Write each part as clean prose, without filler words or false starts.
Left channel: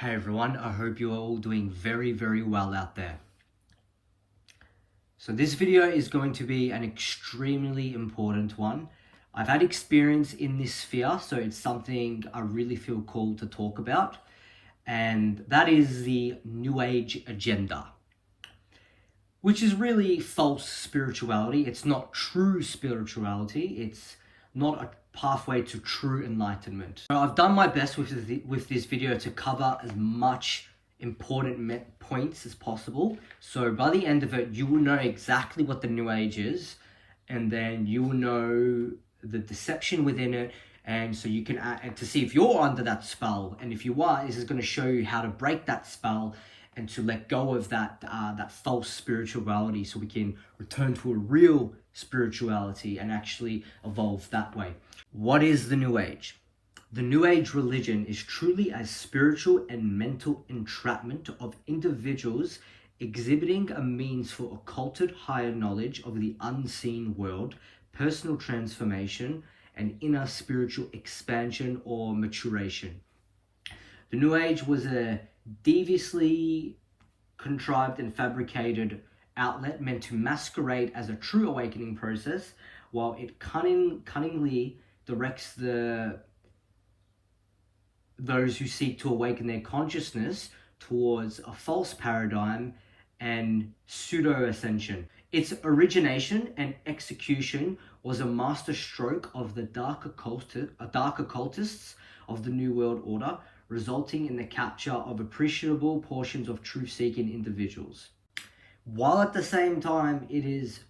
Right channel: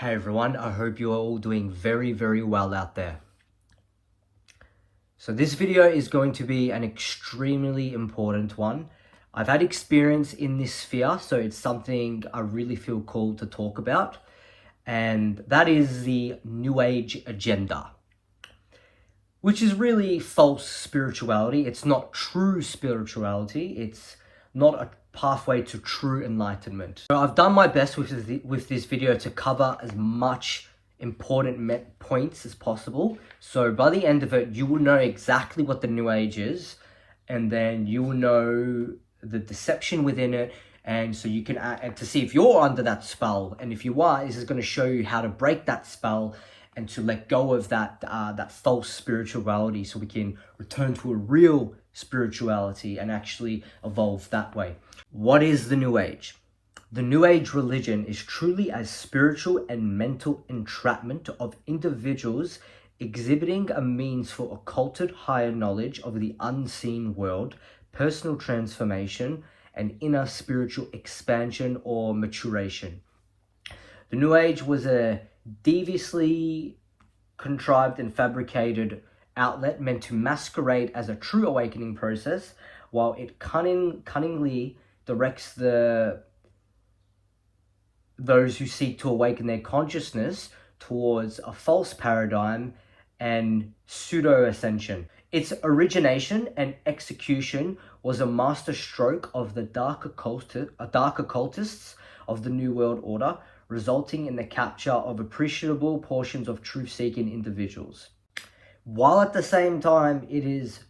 Hey everyone, I hope you are all doing very well out there. So this video is going to be an extremely important one. I've had experience in this sphere, so it's something I really feel called to talk about. And that is the New Age agenda, which is really false spirituality. It's not true spirituality. It's not a pathway to true enlightenment. So I've done my best with this video to cover as much important points as possible. So by the end of it, you will know exactly what the New Age is, and then you will know the deception within it, and so you can to see if you're under that spell, and if you are, this is going to show you how to break that spell and to let go of that false spirituality, so we can return to a real spirituality and actually evolve that way. What is the New Age? The New Age religion is truly a spiritual and mental entrapment of individuals exhibiting a means for occulted higher knowledge of the unseen world, personal transformation, and inner spiritual expansion or maturation. The New Age was a deviously contrived and fabricated outlet meant to masquerade as a true awakening process, while it cunningly directs those who seek to awaken their consciousness towards a false paradigm and pseudo-ascension. Its origination and execution was a master stroke of the dark occultists of the New World Order, resulting in the capture of appreciable portions of truth-seeking individuals, while at the same time it is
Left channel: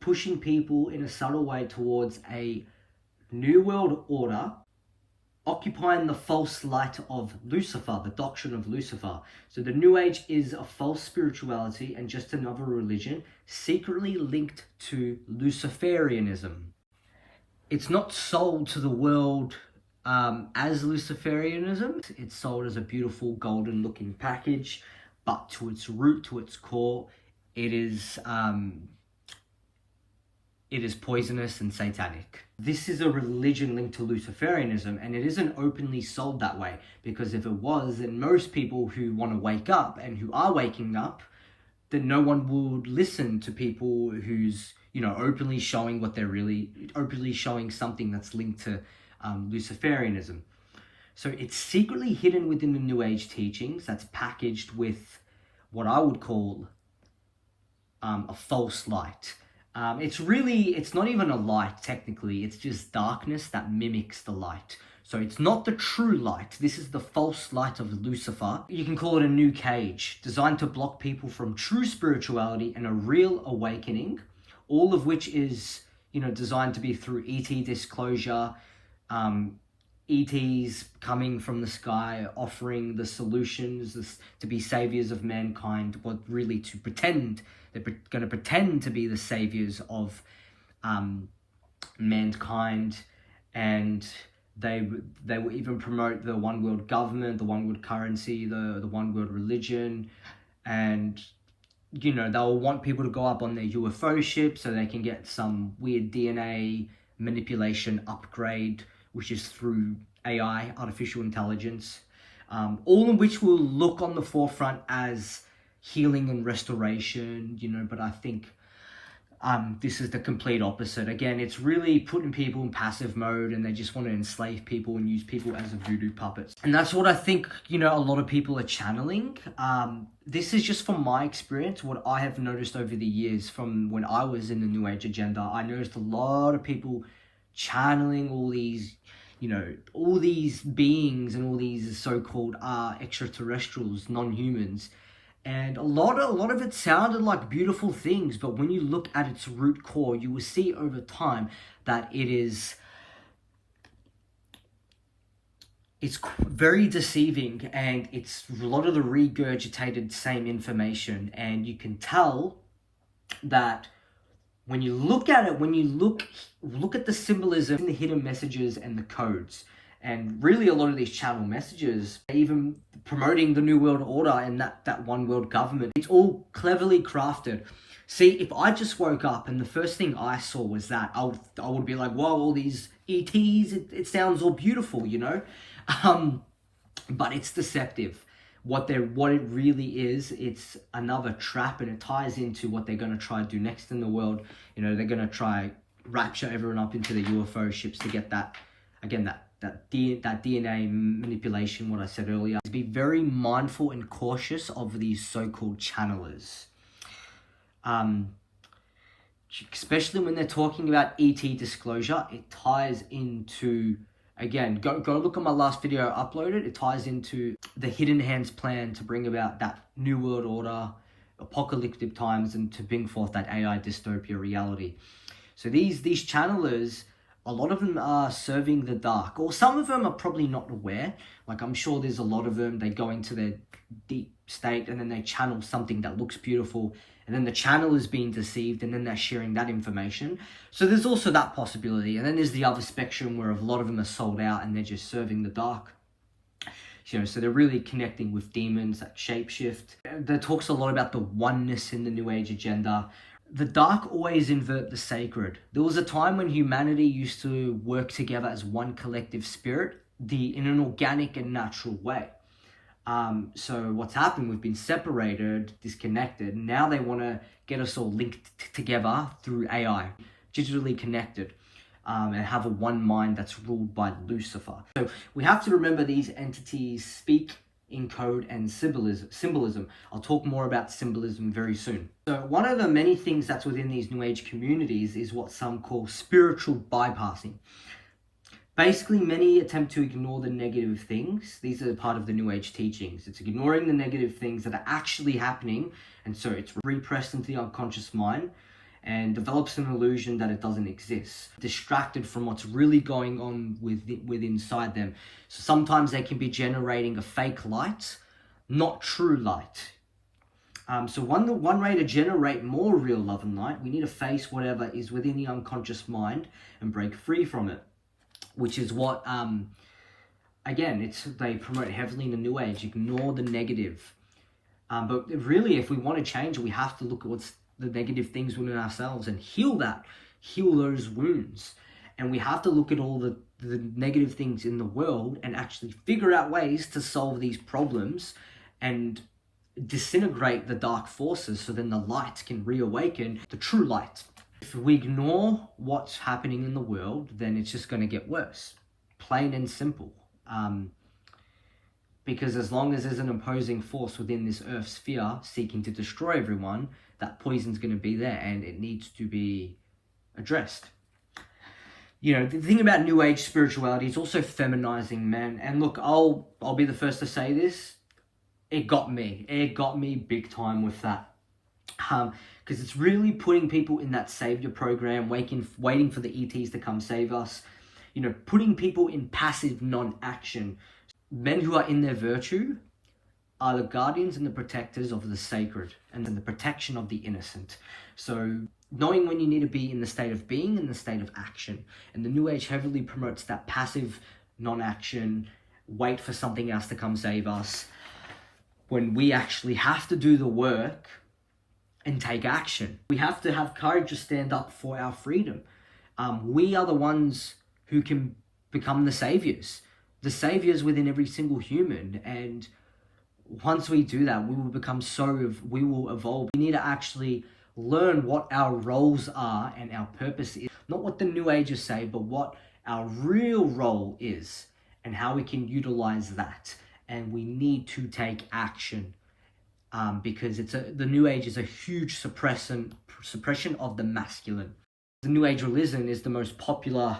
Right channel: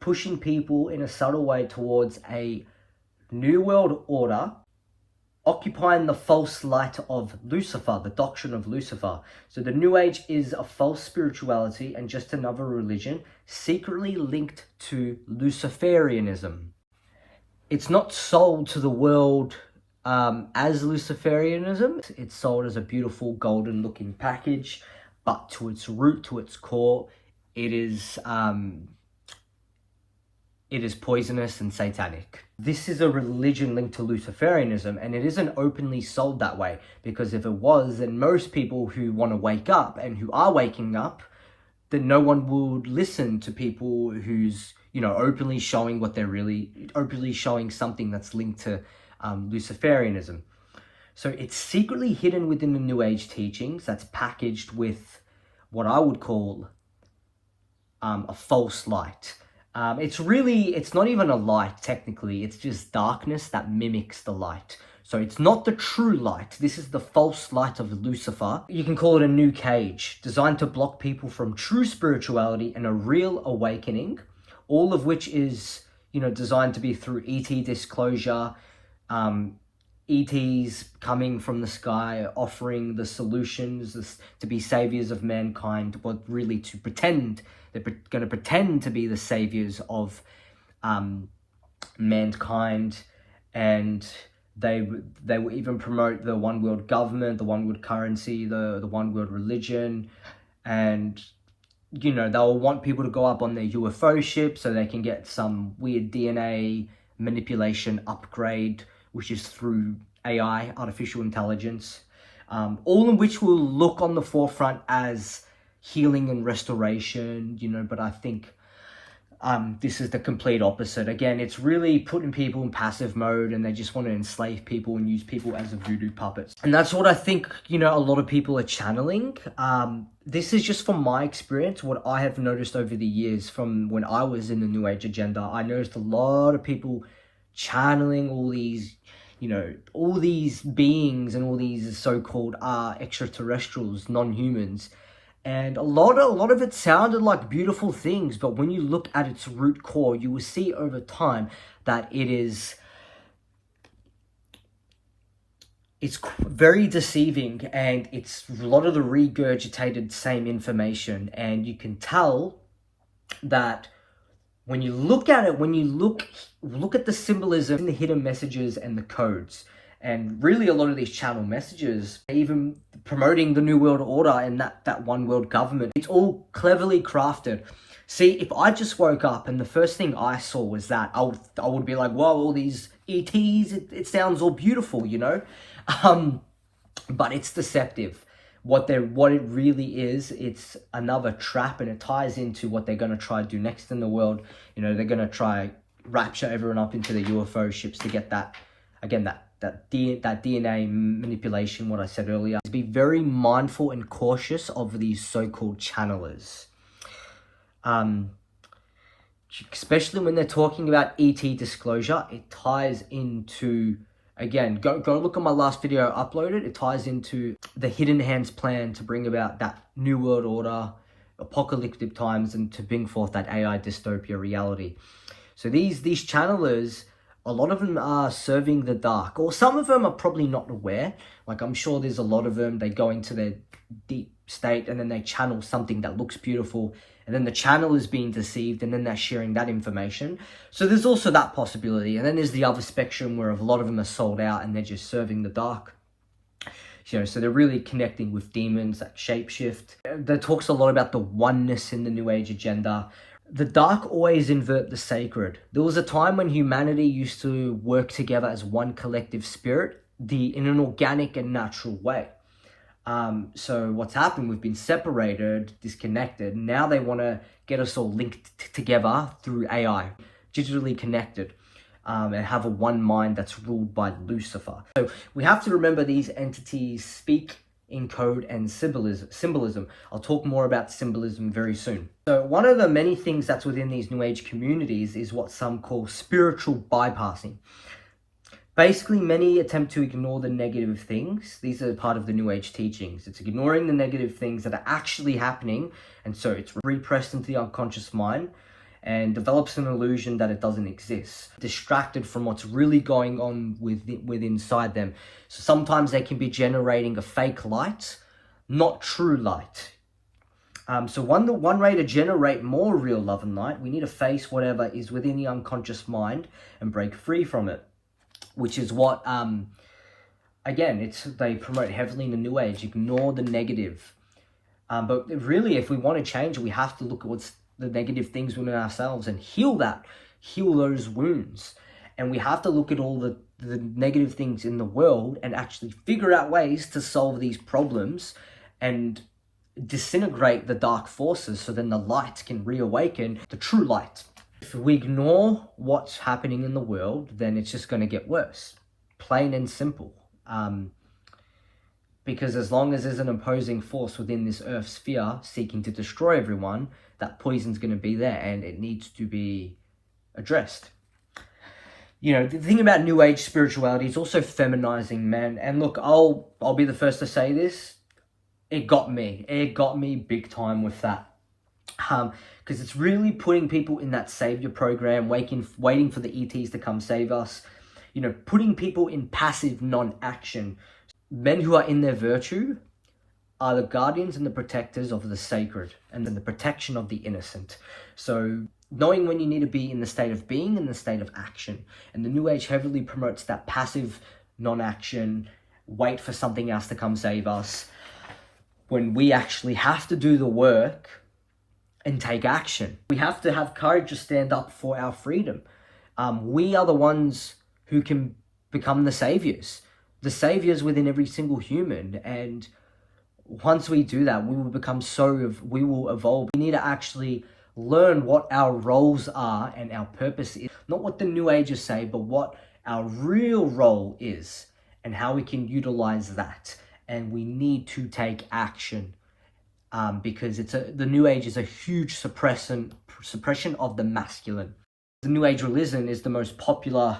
pushing people in a subtle way towards a New World Order, occupying the false light of Lucifer, the doctrine of Lucifer. So the New Age is a false spirituality and just another religion secretly linked to Luciferianism. It's not sold to the world as Luciferianism. It's sold as a beautiful golden looking package, but to its root, to its core, it is poisonous and satanic. This is a religion linked to Luciferianism, and it isn't openly sold that way, because if it was, then most people who want to wake up and who are waking up, then no one would listen to people who's, openly showing openly showing something that's linked to Luciferianism. So it's secretly hidden within the New Age teachings, that's packaged with what I would call a false light. It's not even a light technically, it's just darkness that mimics the light. So it's not the true light, this is the false light of Lucifer. You can call it a new cage, designed to block people from true spirituality and a real awakening, all of which is, designed to be through ET disclosure, ETs coming from the sky, offering the solutions to be saviors of mankind, but really to pretend, they're going to pretend to be the saviors of mankind, and they will even promote the one world government, the one world currency, the one world religion, and they'll want people to go up on their UFO ship so they can get some weird DNA manipulation upgrade, which is through AI, artificial intelligence, all of which will look on the forefront as healing and restoration, but I think this is the complete opposite. Again, it's really putting people in passive mode, and they just want to enslave people and use people as voodoo puppets. And that's what I think, a lot of people are channeling. This is just from my experience, what I have noticed over the years from when I was in the New Age agenda. I noticed a lot of people channeling all these, all these beings and all these so-called extraterrestrials, non-humans. And a lot of it sounded like beautiful things, but when you look at its root core, you will see over time that it's very deceiving, and it's a lot of the regurgitated same information. And you can tell that when you look at it, when you look at the symbolism, the hidden messages and the codes, and really a lot of these channel messages, even promoting the New World Order and that one world government, it's all cleverly crafted. See, if I just woke up and the first thing I saw was that, I would be like, whoa, all these ETs, it sounds all beautiful, But it's deceptive. what it really is, it's another trap, and it ties into what they're going to try to do next in the world. You know, they're going to try rapture everyone up into the UFO ships to get that, again, that DNA manipulation, what I said earlier. Be very mindful and cautious of these so-called channelers. Especially when they're talking about ET disclosure, it ties into, again, go look at my last video I uploaded. It ties into the Hidden Hands plan to bring about that New World Order, apocalyptic times, and to bring forth that AI dystopia reality. So these channelers, a lot of them are serving the dark, or some of them are probably not aware. Like, I'm sure there's a lot of them, they go into their deep state and then they channel something that looks beautiful, and then the channel is being deceived, and then they're sharing that information. So there's also that possibility. And then there's the other spectrum where a lot of them are sold out and they're just serving the dark. So they're really connecting with demons that shapeshift. There talks a lot about the oneness in the New Age agenda. The dark always invert the sacred. There was a time when humanity used to work together as one collective spirit, in an organic and natural way. So what's happened, we've been separated, disconnected. Now they want to get us all linked together through AI, digitally connected, and have a one mind that's ruled by Lucifer. So we have to remember these entities speak in code and symbolism. I'll talk more about symbolism very soon. So one of the many things that's within these New Age communities is what some call spiritual bypassing. Basically, many attempt to ignore the negative things. These are part of the New Age teachings. It's ignoring the negative things that are actually happening, and so it's repressed into the unconscious mind and develops an illusion that it doesn't exist, distracted from what's really going on with inside them. So sometimes they can be generating a fake light, not true light. So one way to generate more real love and light, we need to face whatever is within the unconscious mind and break free from it. Which is what, again, they promote heavily in the New Age. Ignore the negative. But really, if we want to change, we have to look at what's the negative things within ourselves and heal those wounds. And we have to look at all the negative things in the world and actually figure out ways to solve these problems and disintegrate the dark forces, so then the light can reawaken, the true light. If we ignore what's happening in the world, then it's just going to get worse, plain and simple. Because as long as there's an opposing force within this earth sphere seeking to destroy everyone, that poison's going to be there, and it needs to be addressed. You know, the thing about New Age spirituality is also feminizing men. And look, I'll be the first to say this. It got me big time with that. Because it's really putting people in that savior program, waiting for the ETs to come save us. You know, putting people in passive non-action. Men who are in their virtue are the guardians and the protectors of the sacred and the protection of the innocent. So knowing when you need to be in the state of being and the state of action. And the New Age heavily promotes that passive non-action, wait for something else to come save us, when we actually have to do the work and take action. We have to have courage to stand up for our freedom. We are the ones who can become the saviors within every single human. And once we do that, we will evolve. We need to actually learn what our roles are and our purpose is. Not what the New Agers say, but what our real role is and how we can utilize that. And we need to take action. Because the New Age is a huge suppression of the masculine. The New Age religion is the most popular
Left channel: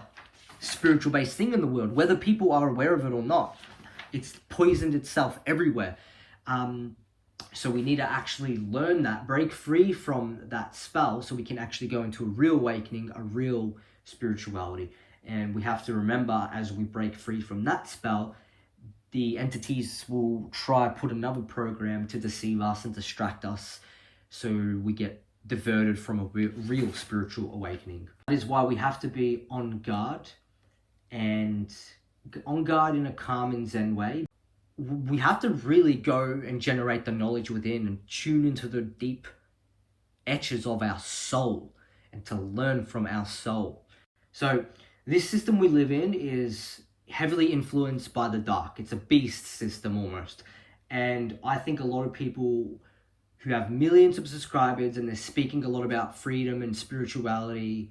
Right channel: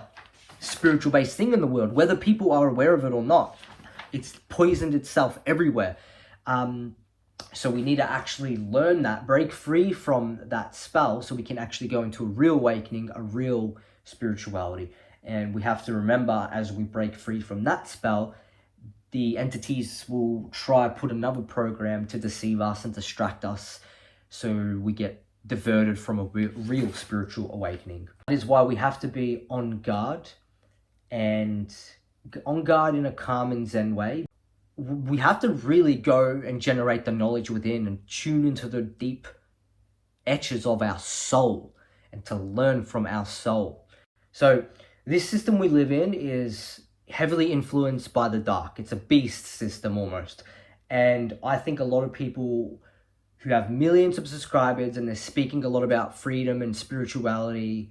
spiritual-based thing in the world, whether people are aware of it or not. It's poisoned itself everywhere. So we need to actually learn that, break free from that spell, so we can actually go into a real awakening, a real spirituality. And we have to remember, as we break free from that spell, the entities will try to put another program to deceive us and distract us, so we get diverted from a real spiritual awakening. That is why we have to be on guard, and on guard in a calm and zen way. We have to really go and generate the knowledge within and tune into the deep etches of our soul and to learn from our soul. So this system we live in is heavily influenced by the dark. It's a beast system almost. And I think a lot of people who have millions of subscribers and they're speaking a lot about freedom and spirituality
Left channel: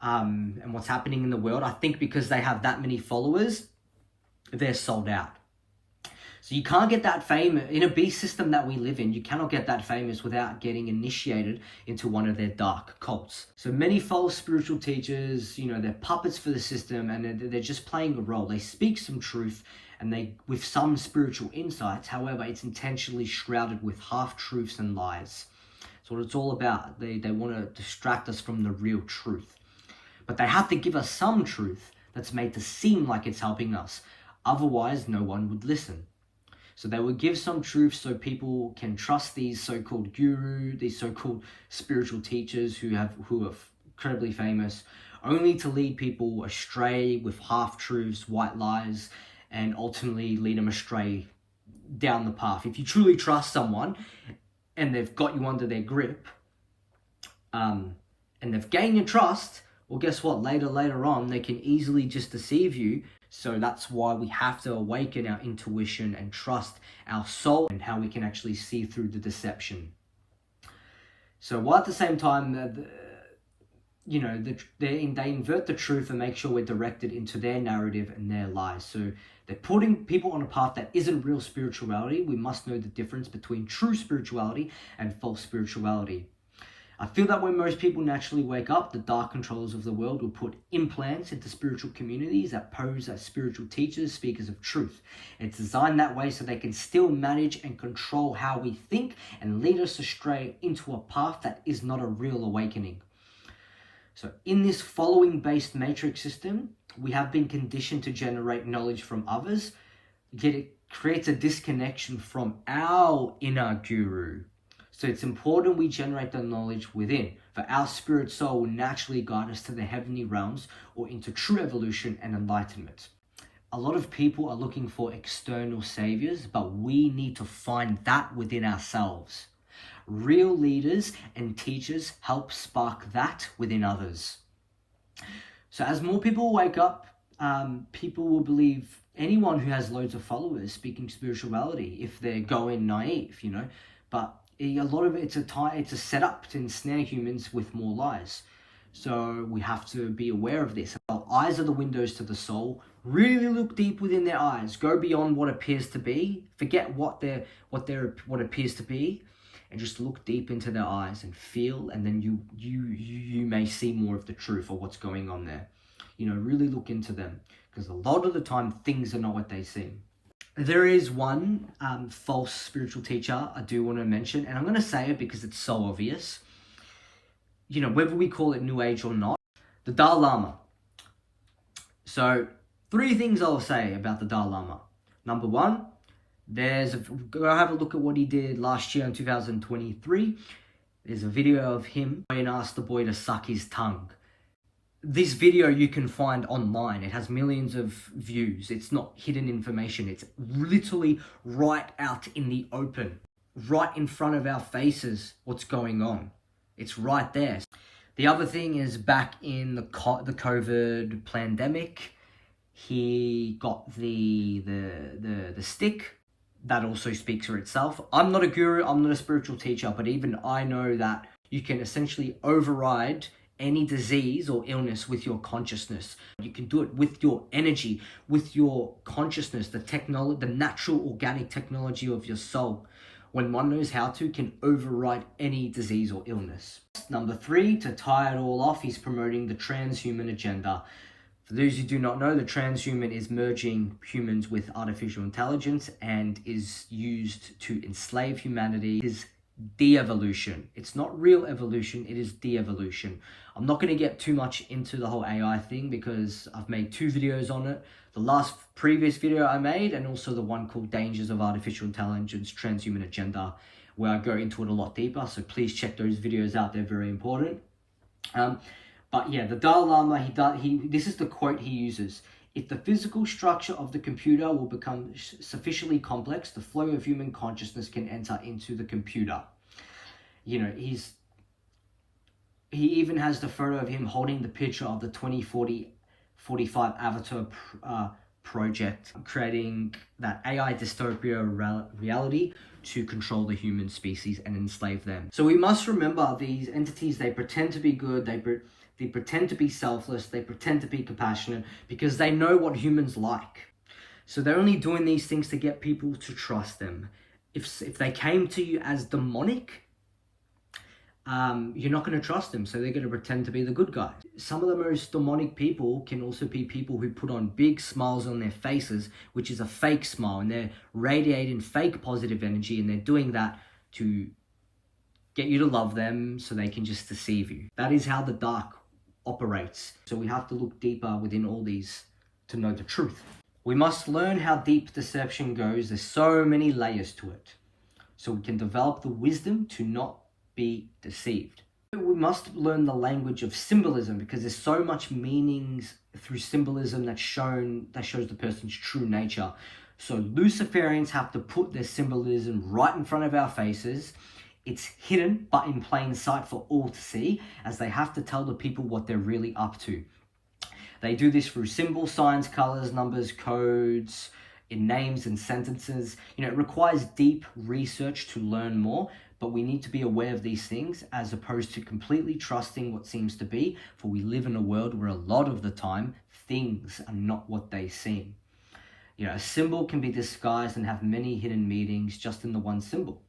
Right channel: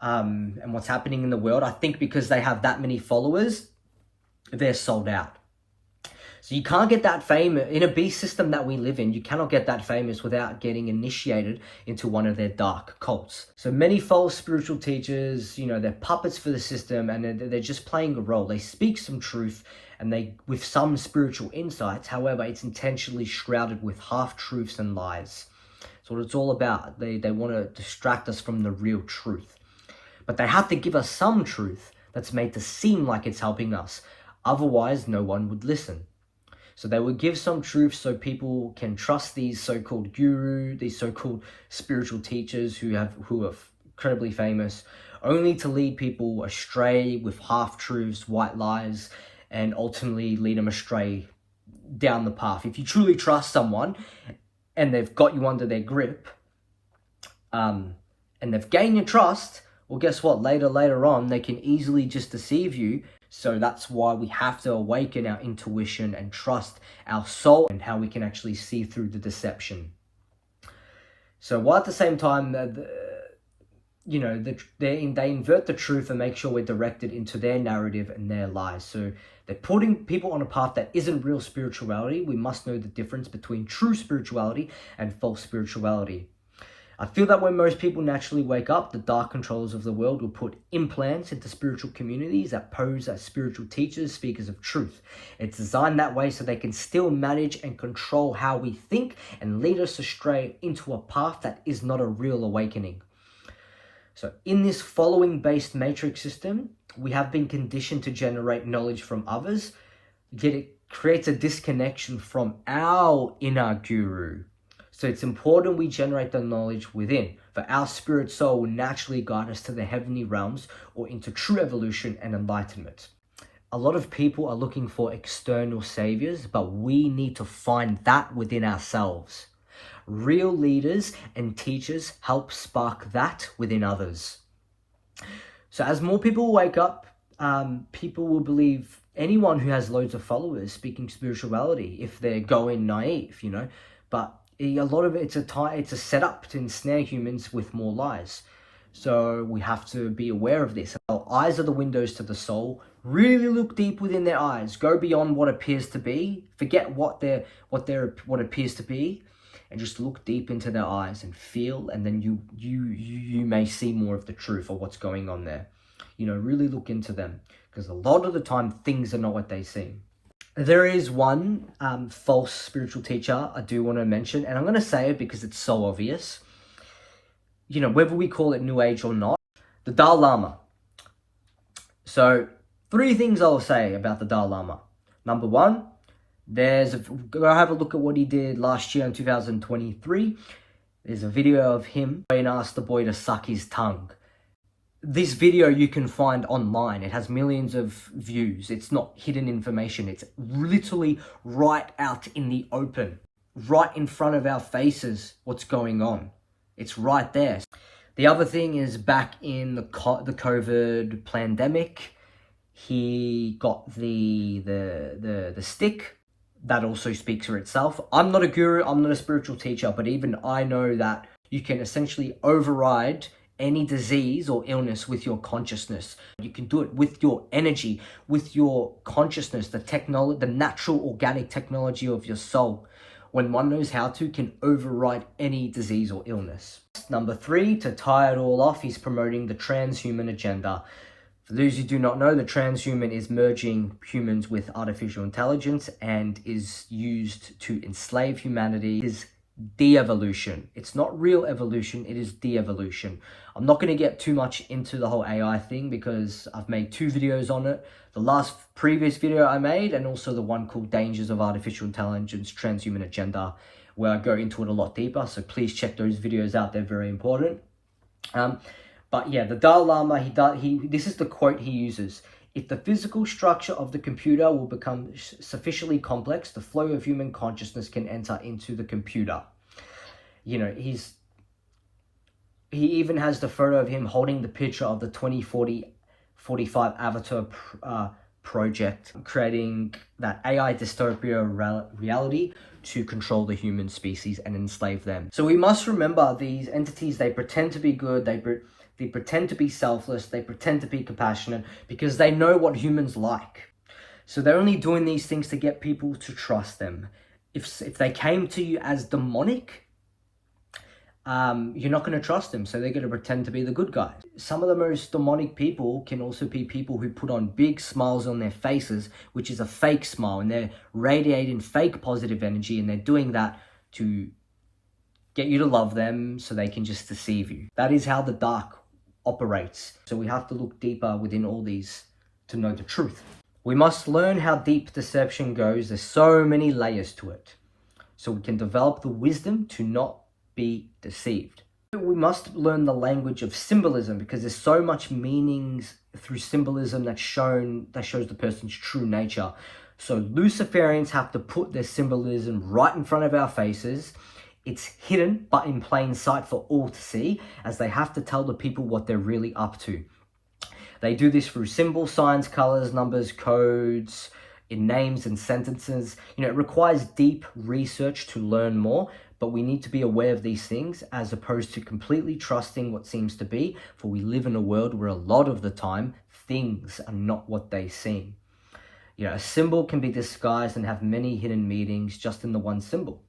and what's happening in the world, I think because they have that many followers, they're sold out. So you can't get that famous in a beast system that we live in. You cannot get that famous without getting initiated into one of their dark cults. So many false spiritual teachers, you know, they're puppets for the system, and they're just playing a role. They speak some truth and they with some spiritual insights. However, it's intentionally shrouded with half-truths and lies. So what it's all about. They want to distract us from the real truth. But they have to give us some truth that's made to seem like it's helping us. Otherwise, no one would listen. So they would give some truth so people can trust these so-called guru, these so-called spiritual teachers who are incredibly famous, only to lead people astray with half-truths, white lies, and ultimately lead them astray down the path. If you truly trust someone and they've got you under their grip, and they've gained your trust, well, guess what? Later on, they can easily just deceive you. So that's why we have to awaken our intuition and trust our soul and how we can actually see through the deception. So while at the same time, they invert the truth and make sure we're directed into their narrative and their lies. So they're putting people on a path that isn't real spirituality. We must know the difference between true spirituality and false spirituality. I feel that when most people naturally wake up, the dark controllers of the world will put implants into spiritual communities that pose as spiritual teachers, speakers of truth. It's designed that way so they can still manage and control how we think and lead us astray into a path that is not a real awakening. So in this following-based matrix system, we have been conditioned to generate knowledge from others, yet it creates a disconnection from our inner guru. So it's important we generate the knowledge within, for our spirit soul will naturally guide us to the heavenly realms or into true evolution and enlightenment. A lot of people are looking for external saviors, but we need to find that within ourselves. Real leaders and teachers help spark that within others. So as more people wake up, people will believe anyone who has loads of followers speaking spirituality if they're going naive, but a lot of it's a setup to ensnare humans with more lies. So we have to be aware of this. Our eyes are the windows to the soul. Really look deep within their eyes. Go beyond what appears to be. Forget what appears to be, and just look deep into their eyes and feel. And then you may see more of the truth of what's going on there. Really look into them, because a lot of the time things are not what they seem. There is one false spiritual teacher I do want to mention, and I'm going to say it because it's so obvious. Whether we call it New Age or not, the Dalai Lama. So 3 things I'll say about the Dalai Lama. Number 1, go have a look at what he did last year in 2023. There's a video of him and asked the boy to suck his tongue. This video you can find online. It has millions of views. It's not hidden information. It's literally right out in the open, right in front of our faces, what's going on. It's right there. The other thing is, back in the COVID pandemic, he got the stick. That also speaks for itself. I'm not a guru, I'm not a spiritual teacher, but even I know that you can essentially override any disease or illness with your consciousness. You can do it with your energy, with your consciousness, the natural organic technology of your soul. When one knows how to, can override any disease or illness. Number 3, to tie it all off, he's promoting the transhuman agenda. For those who do not know, the transhuman is merging humans with artificial intelligence and is used to enslave humanity. It is de-evolution. It's not real evolution, it is de-evolution. I'm not going to get too much into the whole AI thing because I've made 2 videos on it. The previous video I made, and also the one called Dangers of Artificial Intelligence, Transhuman Agenda, where I go into it a lot deeper. So please check those videos out, they're very important. But yeah, the Dalai Lama, this is the quote he uses. If the physical structure of the computer will become sufficiently complex, the flow of human consciousness can enter into the computer. He even has the photo of him holding the picture of the 2045 avatar project creating that AI dystopia reality to control the human species and enslave them. So we must remember these entities, they pretend to be good, they pretend to be selfless, they pretend to be compassionate because they know what humans like. So they're only doing these things to get people to trust them. If they came to you as demonic, you're not going to trust them, so they're going to pretend to be the good guy. Some of the most demonic people can also be people who put on big smiles on their faces, which is a fake smile, and they're radiating fake positive energy, and they're doing that to get you to love them so they can just deceive you. That is how the dark operates. So we have to look deeper within all these to know the truth. We must learn how deep deception goes. There's so many layers to it. So we can develop the wisdom to not be deceived. We must learn the language of symbolism because there's so much meanings through symbolism that shows the person's true nature. So Luciferians have to put their symbolism right in front of our faces. It's hidden but in plain sight for all to see, as they have to tell the people what they're really up to. They do this through symbols, signs, colors, numbers, codes, in names and sentences. It requires deep research to learn more, but we need to be aware of these things as opposed to completely trusting what seems to be, for we live in a world where a lot of the time things are not what they seem. A symbol can be disguised and have many hidden meanings just in the one symbol.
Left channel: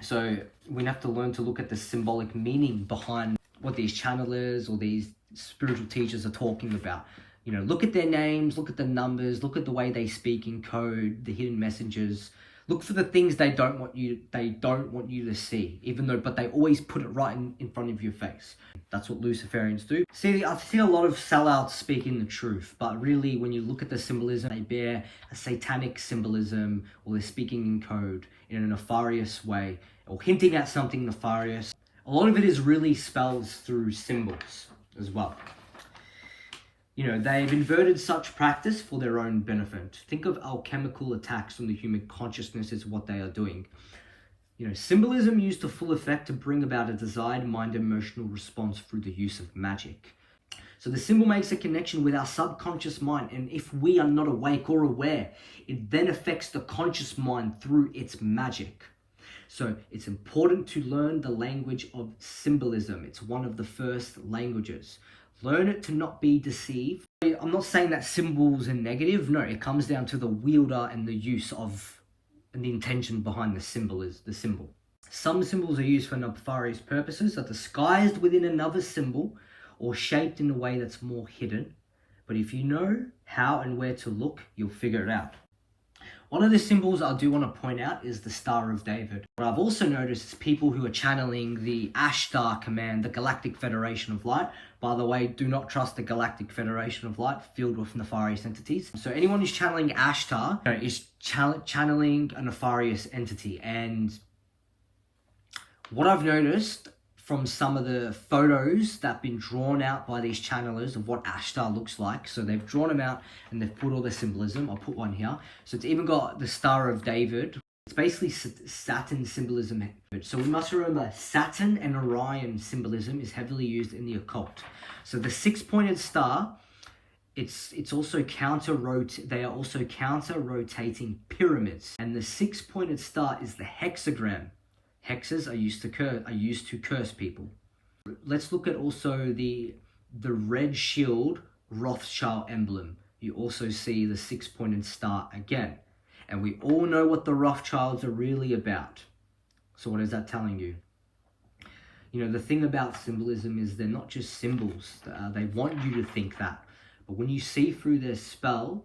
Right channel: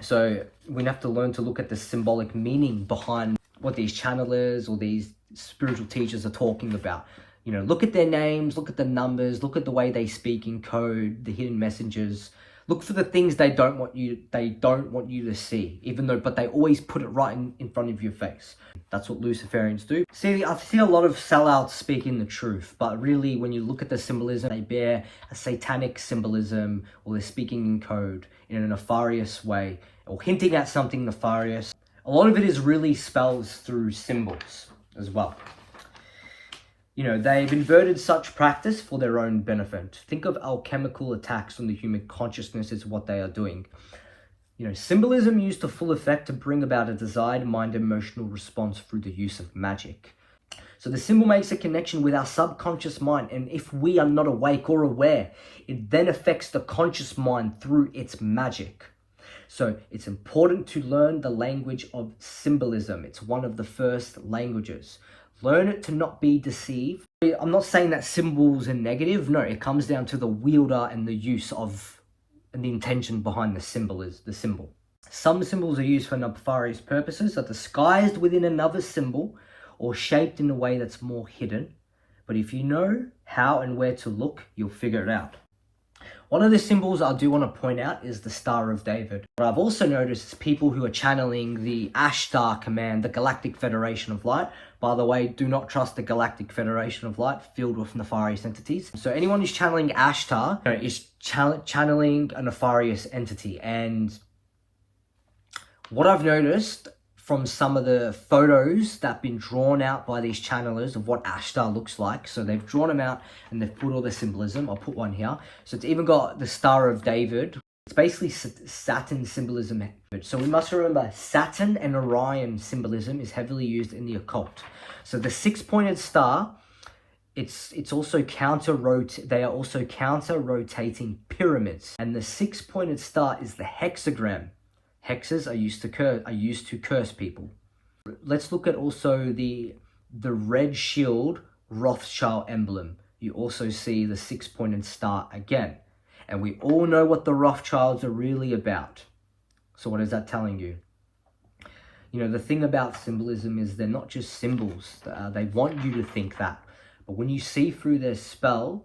So we have to learn to look at the symbolic meaning behind what these channelers or these spiritual teachers are talking about. Look at their names, look at the numbers, look at the way they speak in code, the hidden messages. Look for the things they don't want you to see, but they always put it right in front of your face. That's what Luciferians do. See, I've seen a lot of sellouts speaking the truth, but really when you look at the symbolism, they bear a satanic symbolism, or they're speaking in code in a nefarious way, or hinting at something nefarious. A lot of it is really spells through symbols as well. They've inverted such practice for their own benefit. Think of alchemical attacks on the human consciousness is what they are doing. Symbolism used to full effect to bring about a desired mind emotional response through the use of magic. So the symbol makes a connection with our subconscious mind, and if we are not awake or aware, it then affects the conscious mind through its magic. So it's important to learn the language of symbolism. It's one of the first languages. Learn it to not be deceived. I'm not saying that symbols are negative. No, it comes down to the wielder and the use of, and the intention behind the symbol is the symbol. Some symbols are used for nefarious purposes, are disguised within another symbol or shaped in a way that's more hidden. But if you know how and where to look, you'll figure it out. One of the symbols I do want to point out is the Star of David. What I've also noticed is people who are channeling the Ashtar command, the Galactic Federation of Light. By the way, do not trust the Galactic Federation of Light, filled with nefarious entities. So anyone who's channeling Ashtar is channeling a nefarious entity. And what I've noticed from some of the photos that have been drawn out by these channelers of what Ashtar looks like. So they've drawn them out and they've put all the symbolism. I'll put one here. So it's even got the Star of David. It's basically Saturn symbolism. So we must remember Saturn and Orion symbolism is heavily used in the occult. So the six-pointed star, it's also they are also counter-rotating pyramids. And the six-pointed star is the hexagram. Hexes are used to curse people. Let's look at also the red shield Rothschild emblem. You also see the six-pointed star again. And we all know what the Rothschilds are really about. So what is that telling you? The thing about symbolism is they're not just symbols. They want you to think that. But when you see through their spell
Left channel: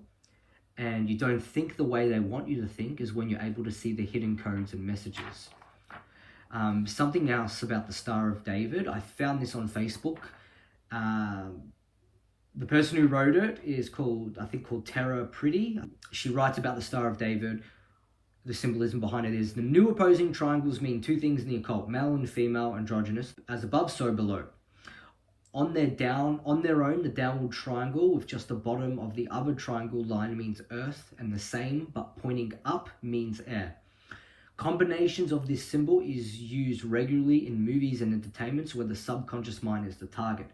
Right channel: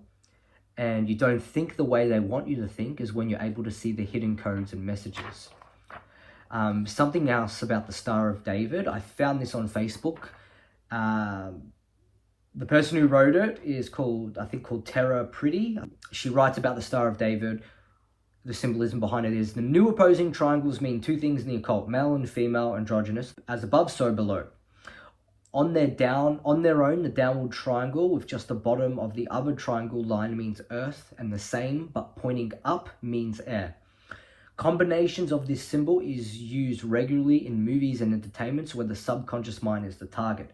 and you don't think the way they want you to think is when you're able to see the hidden codes and messages. Something else about the Star of David. I found this on Facebook. The person who wrote it is called Tara Pretty. She writes about the Star of David. The symbolism behind it is the new opposing triangles mean two things in the occult: male and female, androgynous, as above, so below. On their own, the downward triangle with just the bottom of the other triangle line means earth, and the same but pointing up means air. Combinations of this symbol is used regularly in movies and entertainments where the subconscious mind is the target.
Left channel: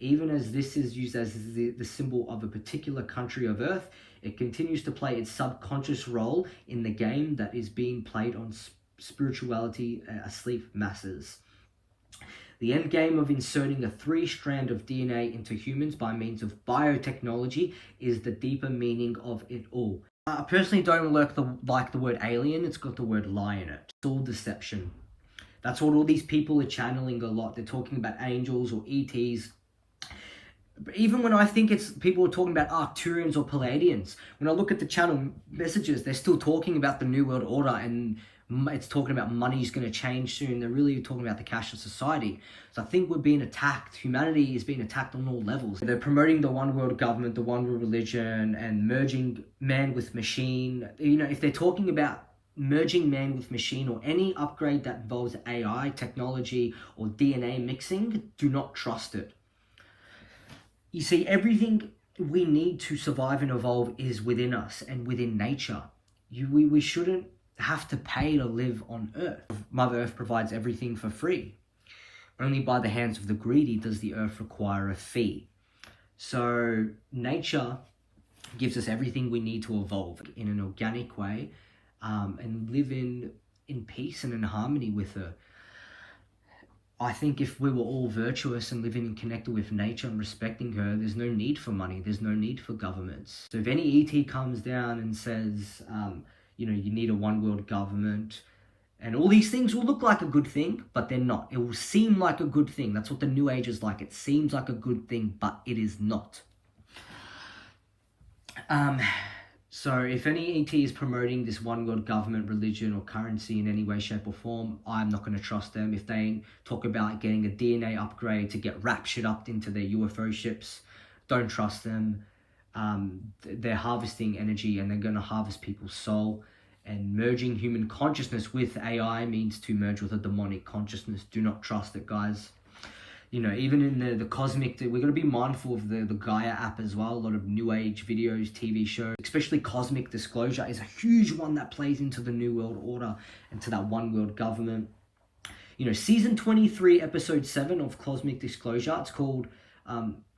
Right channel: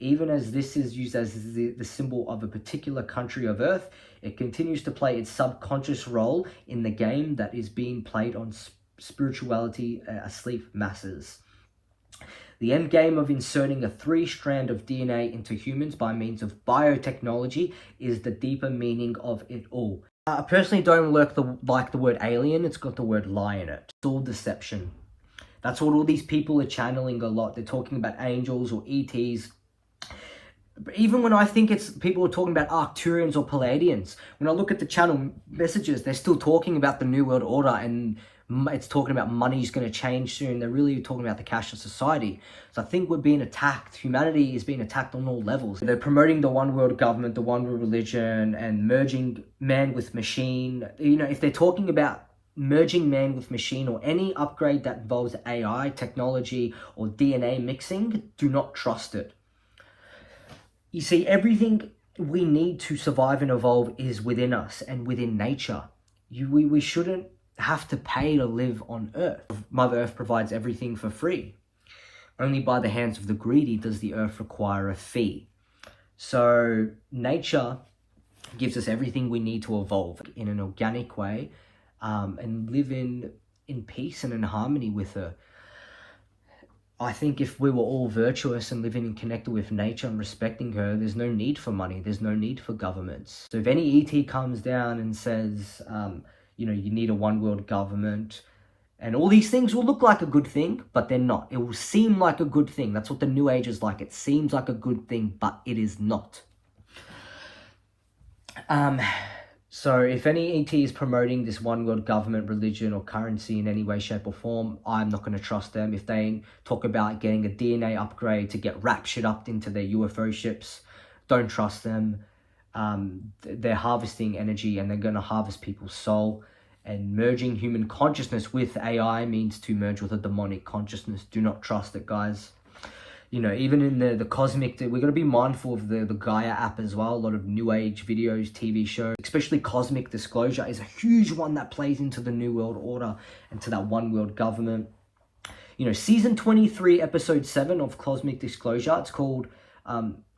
Even as this is used as the symbol of a particular country of Earth, it continues to play its subconscious role in the game that is being played on spirituality asleep masses. The end game of inserting a 3-strand of DNA into humans by means of biotechnology is the deeper meaning of it all. I personally don't like the word alien. It's got the word lie in it. It's all deception. That's what all these people are channeling a lot. They're talking about angels or ETs. Even when I think it's people are talking about Arcturians or Palladians, when I look at the channel messages, they're still talking about the New World Order, and it's talking about money's going to change soon. They're really talking about the cashless society. So I think we're being attacked. Humanity is being attacked on all levels. They're promoting the one world government, the one world religion, and merging man with machine. You know, if they're talking about merging man with machine or any upgrade that involves AI, technology, or DNA mixing, do not trust it. You see, everything we need to survive and evolve is within us and within nature. We shouldn't have to pay to live on Earth. Mother Earth provides everything for free. Only by the hands of the greedy does the Earth require a fee. So nature gives us everything we need to evolve in an organic way, and live in peace and in harmony with her. I think if we were all virtuous and living and connected with nature and respecting her, there's no need for money. There's no need for governments. So if any ET comes down and says, you know, you need a one world government, and all these things will look like a good thing, but they're not. It will seem like a good thing. That's what the New Age is like. It seems like a good thing, but it is not. So if any ET is promoting this one world government, religion, or currency in any way, shape, or form, I'm not going to trust them. If they talk about getting a DNA upgrade to get raptured up into their UFO ships, don't trust them. They're harvesting energy, and they're going to harvest people's soul. And merging human consciousness with AI means to merge with a demonic consciousness. Do not trust it, guys. You know, even in the cosmic, we're going to be mindful of the Gaia app as well. A lot of New Age videos, TV shows, especially Cosmic Disclosure is a huge one that plays into the New World Order and to that one world government. You know, season 23, episode 7 of Cosmic Disclosure, it's called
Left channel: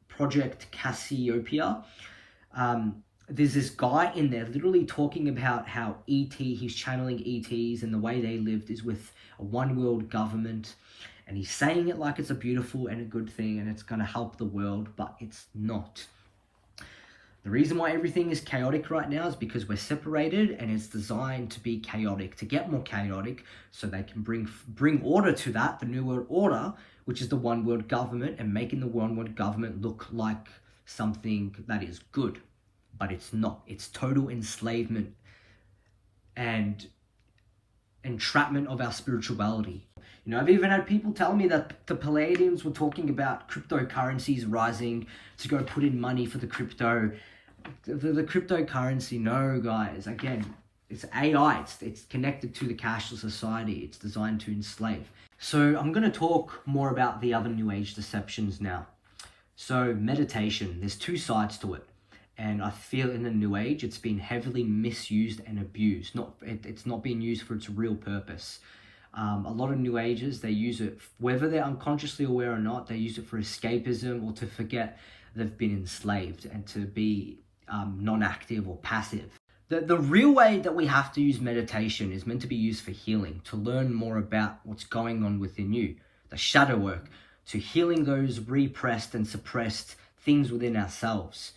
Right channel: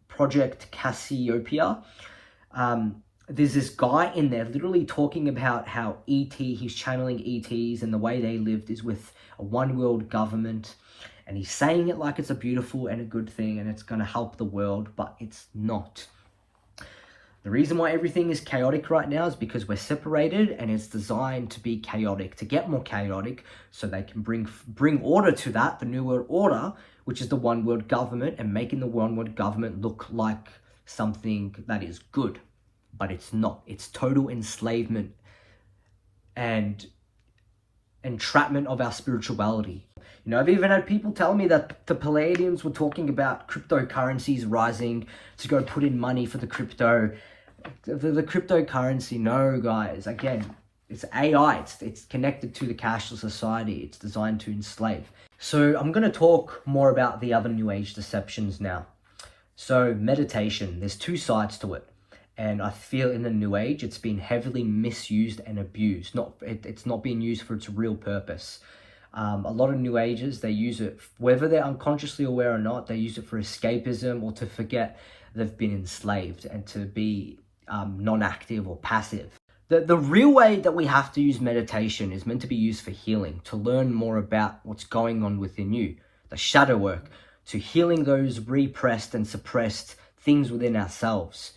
Project Cassiopeia. There's this guy in there literally talking about how he's channeling ETs, and the way they lived is with a one world government. And he's saying it like it's a beautiful and a good thing, and it's going to help the world, but it's not. The reason why everything is chaotic right now is because we're separated, and it's designed to be chaotic, to get more chaotic, so they can bring order to that, the New World Order, which is the one world government, and making the one world government look like something that is good. But it's not. It's total enslavement and entrapment of our spirituality. You know, I've even had people tell me that the Palladians were talking about cryptocurrencies rising to go put in money for the cryptocurrency. No, guys. Again, it's AI. It's connected to the cashless society. It's designed to enslave. So I'm going to talk more about the other New Age deceptions now. So meditation, there's two sides to it. And I feel in the New Age, it's been heavily misused and abused. It's not being used for its real purpose. A lot of New Agers, they use it, whether they're unconsciously aware or not, they use it for escapism or to forget they've been enslaved and to be non-active or passive. The real way that we have to use meditation is meant to be used for healing, to learn more about what's going on within you, the shadow work, to healing those repressed and suppressed things within ourselves.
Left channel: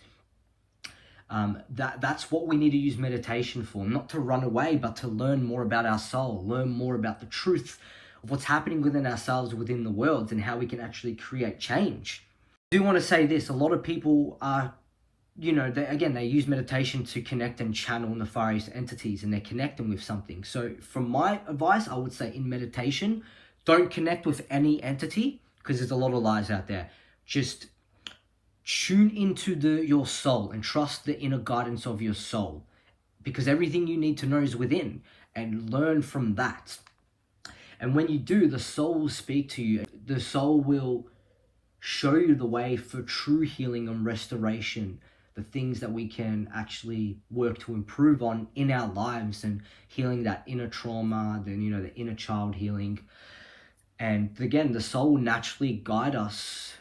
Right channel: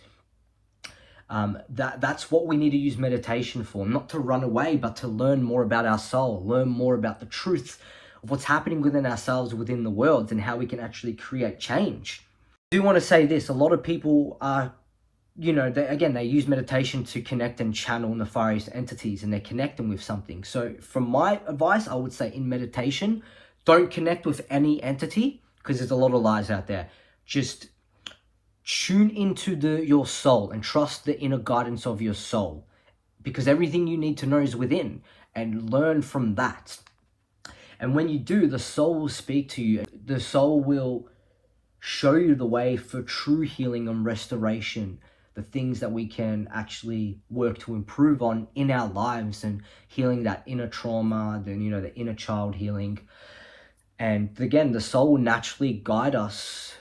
That's what we need to use meditation for, not to run away, but to learn more about our soul, learn more about the truth of what's happening within ourselves, within the world, and how we can actually create change. I do want to say this, a lot of people are, you know, they use meditation to connect and channel nefarious entities, and they're connecting with something. So from my advice, I would say in meditation, don't connect with any entity, because there's a lot of lies out there. Just tune into your soul and trust the inner guidance of your soul, because everything you need to know is within, and learn from that. And when you do, the soul will speak to you. The soul will show you the way for true healing and restoration, the things that we can actually work to improve on in our lives, and healing that inner trauma, then, you know, the inner child healing. And again, the soul will naturally guide us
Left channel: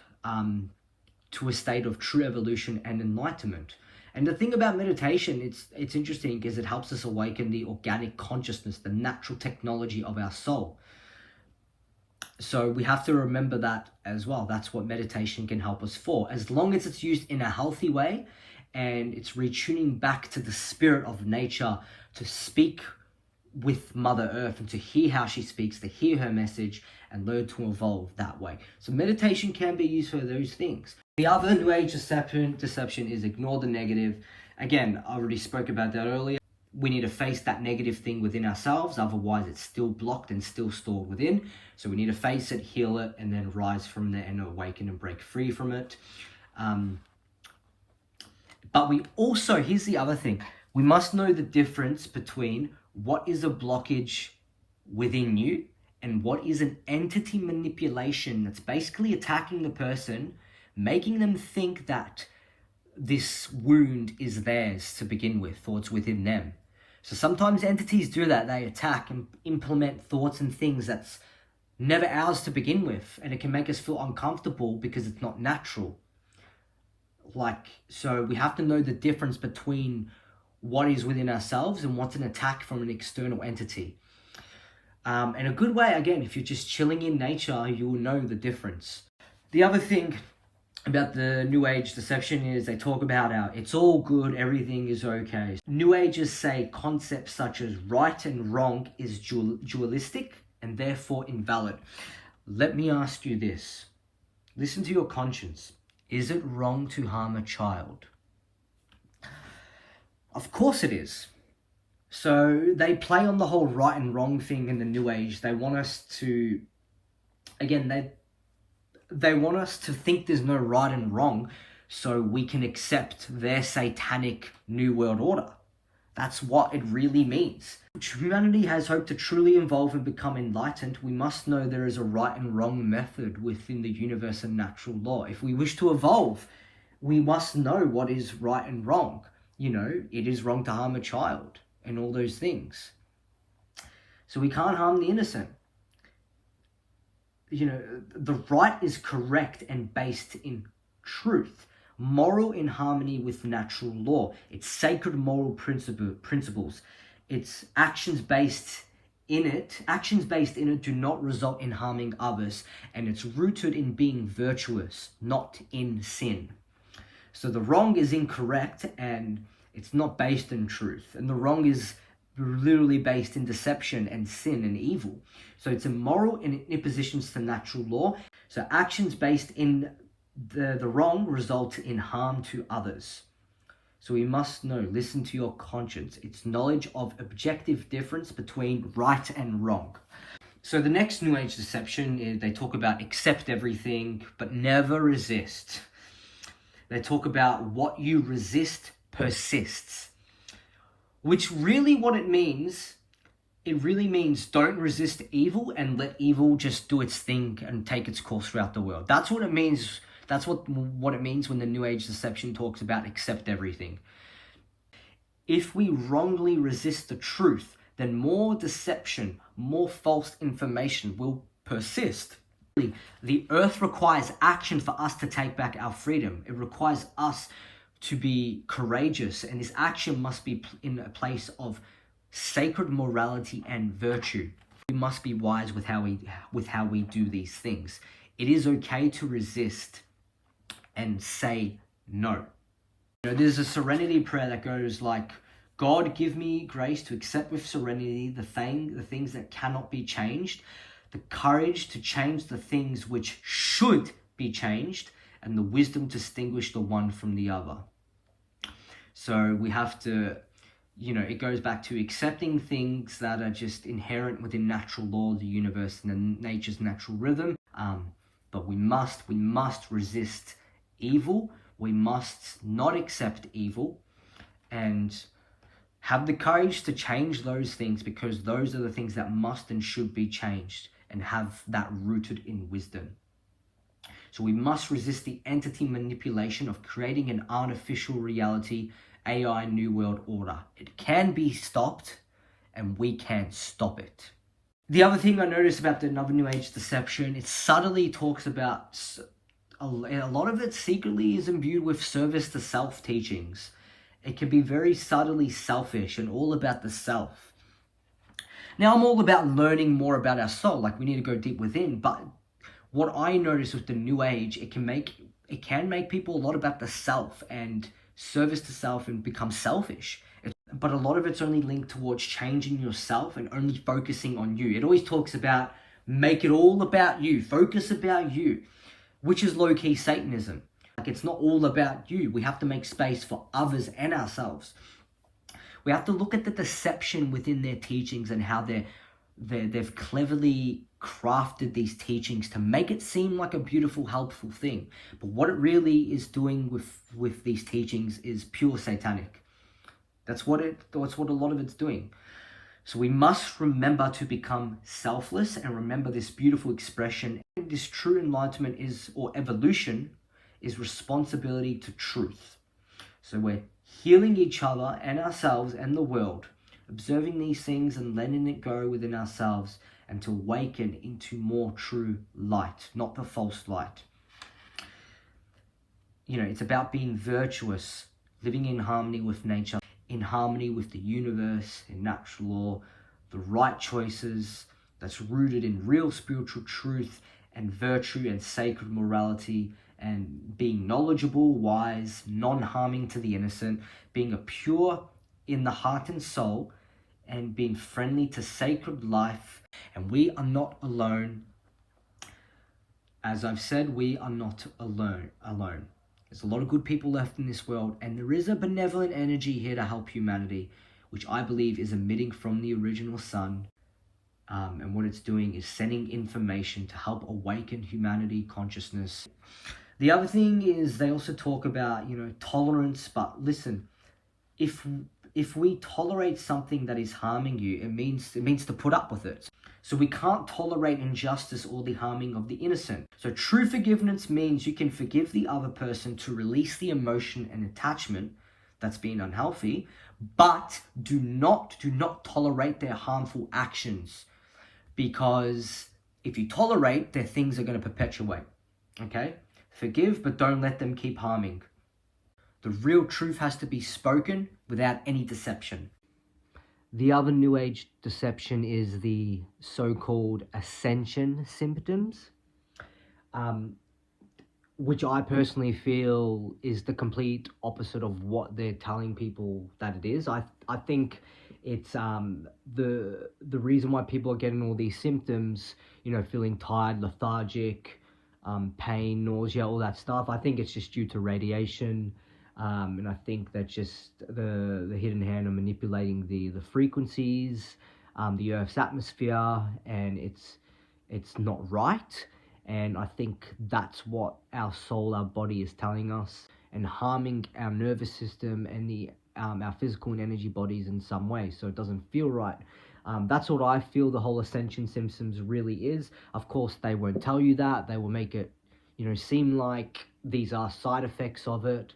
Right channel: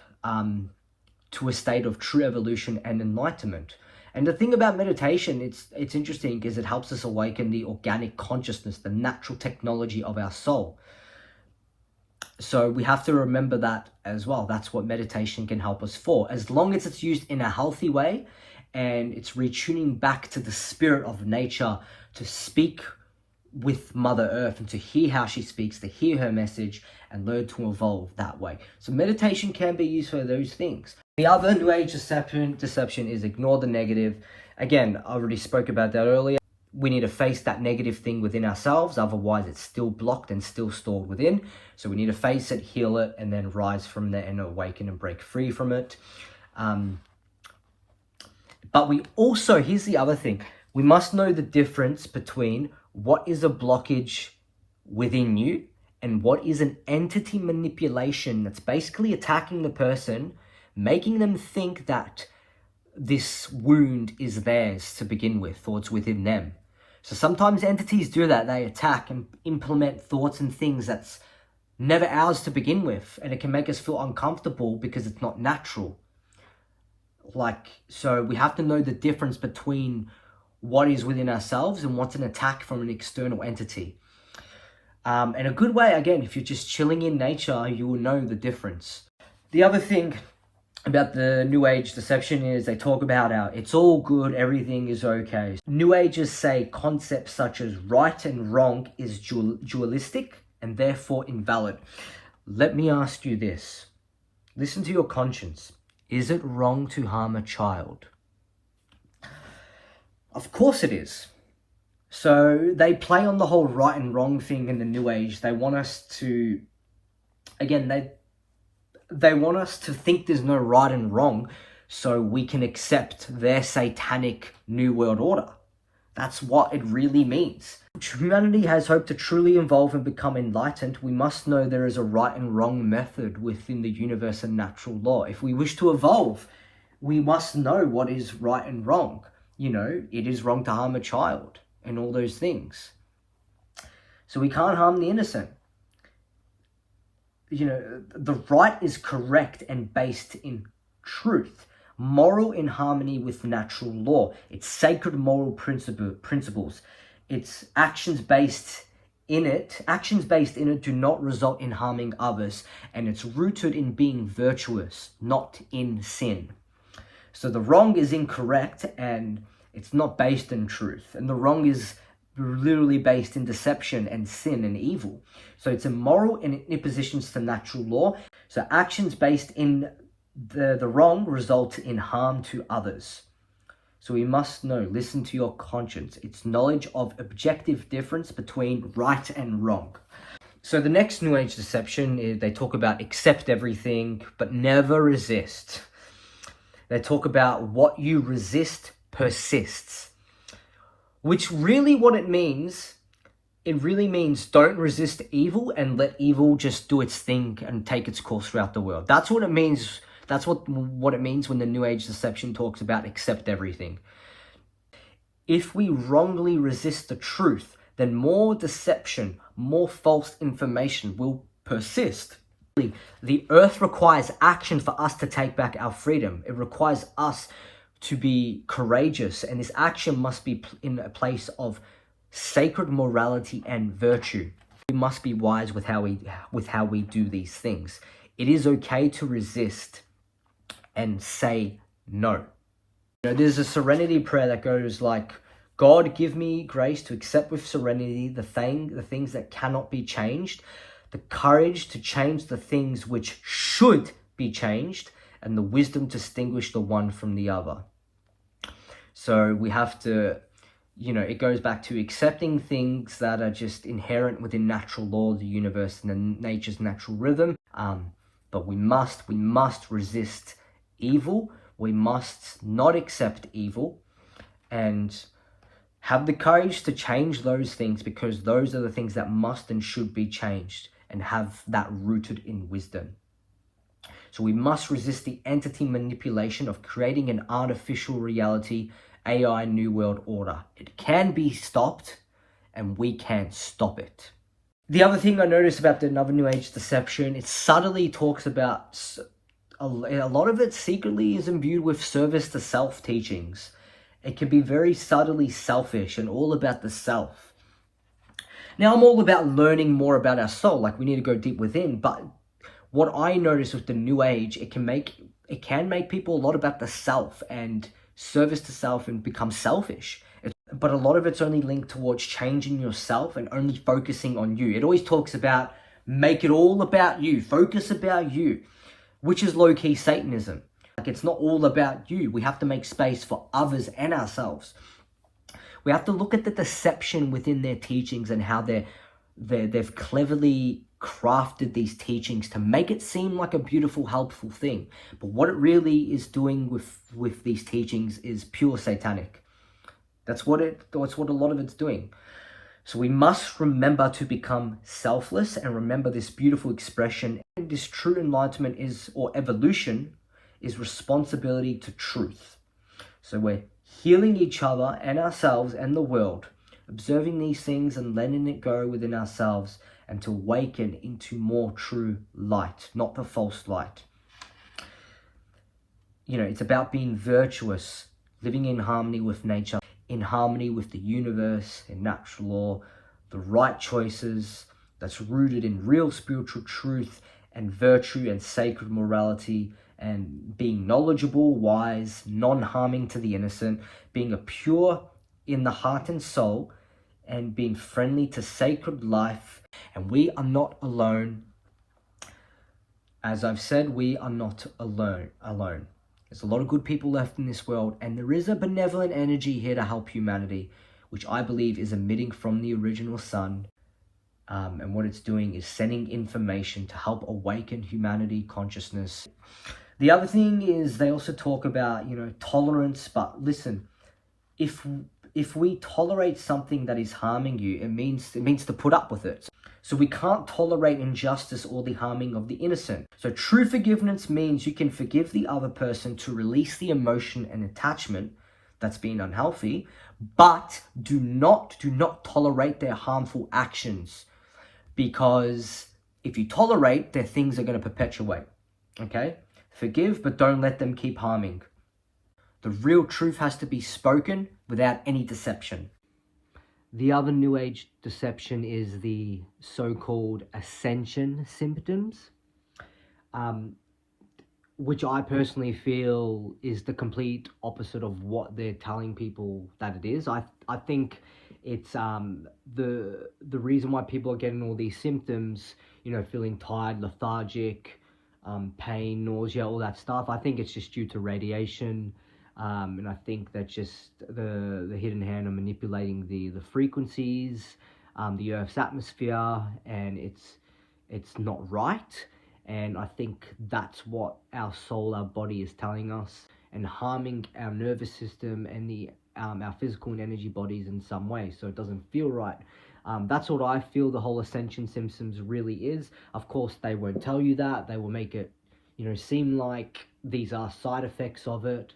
to a state of true evolution and enlightenment. And the thing about meditation, it's interesting, is it helps us awaken the organic consciousness, the natural technology of our soul. So we have to remember that as well. That's what meditation can help us for, as long as it's used in a healthy way and it's retuning back to the spirit of nature, to speak with Mother Earth and to hear how she speaks, to hear her message and learn to evolve that way. So meditation can be used for those things. The other New Age deception is ignore the negative. Again, I already spoke about that earlier. We need to face that negative thing within ourselves, otherwise it's still blocked and still stored within. So we need to face it, heal it, and then rise from there and awaken and break free from it. But we also, here's the other thing, we must know the difference between what is a blockage within you and what is an entity manipulation that's basically attacking the person, making them think that this wound is theirs to begin with, or it's within them. So sometimes entities do that. They attack and implement thoughts and things that's never ours to begin with, and it can make us feel uncomfortable because it's not natural. So we have to know the difference between what is within ourselves and what's an attack from an external entity. And a good way, again, if you're just chilling in nature, you will know the difference. The other thing about the New Age deception is they talk about how it's all good, everything is okay. New Agers say concepts such as right and wrong is dualistic and therefore invalid. Let me ask you this. Listen to your conscience. Is it wrong to harm a child? Of course it is. So they play on the whole right and wrong thing in the New Age. They want us to, again, they want us to think there's no right and wrong so we can accept their satanic New World Order. That's what it really means. If humanity has hope to truly evolve and become enlightened, we must know there is a right and wrong method within the universe and natural law. If we wish to evolve, we must know what is right and wrong. You know, it is wrong to harm a child and all those things. So we can't harm the innocent. You know, the right is correct and based in truth, moral in harmony with natural law. It's sacred moral principles. It's actions based in it do not result in harming others, and it's rooted in being virtuous, not in sin. So the wrong is incorrect and it's not based in truth, and the wrong is literally based in deception and sin and evil. So it's immoral and it impositions to natural law. So actions based in the wrong result in harm to others. So we must know, listen to your conscience. It's knowledge of objective difference between right and wrong. So the next New Age deception is they talk about accept everything, but never resist. They talk about what you resist persists. Which really what it means don't resist evil and let evil just do its thing and take its course throughout the world. That's what it means. That's what it means when the New Age deception talks about accept everything. If we wrongly resist the truth, then more deception, more false information will persist. The earth requires action for us to take back our freedom. It requires us to be courageous, and this action must be in a place of sacred morality and virtue. We must be wise with how we do these things. It is okay to resist and say no. You know, there's a serenity prayer that goes like, God, give me grace to accept with serenity the things that cannot be changed, the courage to change the things which should be changed, and the wisdom to distinguish the one from the other. So we have to, you know, it goes back to accepting things that are just inherent within natural law of the universe and nature's natural rhythm. But we must resist evil. We must not accept evil and have the courage to change those things, because those are the things that must and should be changed, and have that rooted in wisdom. So we must resist the entity manipulation of creating an artificial reality, AI New World Order. It can be stopped, and we can stop it. The other thing I noticed about the another New Age deception, it subtly talks about a lot of it secretly is imbued with service to self teachings. It can be very subtly selfish and all about the self. Now, I'm all about learning more about our soul, like we need to go deep within, but what I notice with the New Age, it can make people a lot about the self and service to self and become selfish. But a lot of it's only linked towards changing yourself and only focusing on you. It always talks about make it all about you, focus about you, which is low-key Satanism. Like, it's not all about you. We have to make space for others and ourselves. We have to look at the deception within their teachings and how they've cleverly crafted these teachings to make it seem like a beautiful, helpful thing. But what it really is doing with these teachings is pure satanic. That's what a lot of it's doing. So we must remember to become selfless and remember this beautiful expression. And this true enlightenment or evolution is responsibility to truth. So we're healing each other and ourselves and the world, observing these things and letting it go within ourselves and to awaken into more true light, not the false light. It's about being virtuous, living in harmony with nature, in harmony with the universe and natural law, the right choices that's rooted in real spiritual truth and virtue and sacred morality, and being knowledgeable, wise, non-harming to the innocent, being a pure in the heart and soul, and being friendly to sacred life. And we are not alone. As I've said, we are not alone. There's a lot of good people left in this world, and there is a benevolent energy here to help humanity, which I believe is emitting from the original sun. And what it's doing is sending information to help awaken humanity consciousness. The other thing is they also talk about, tolerance. But listen, if we tolerate something that is harming you, it means to put up with it. So we can't tolerate injustice or the harming of the innocent. So true forgiveness means you can forgive the other person to release the emotion and attachment that's been unhealthy, but do not tolerate their harmful actions, because if you tolerate, their things are going to perpetuate. Okay? Forgive, but don't let them keep harming. The real truth has to be spoken without any deception. The other New Age deception is the so-called Ascension symptoms, which I personally feel is the complete opposite of what they're telling people that it is. I think it's the reason why people are getting all these symptoms, feeling tired, lethargic, pain, nausea, all that stuff. I think it's just due to radiation. And I think that just the hidden hand are manipulating the frequencies, the Earth's atmosphere, and it's not right. And I think that's what our soul, our body is telling us, and harming our nervous system and our physical and energy bodies in some way, so it doesn't feel right. That's what I feel the whole Ascension symptoms really is. Of course, they won't tell you that. They will make it, seem like these are side effects of it.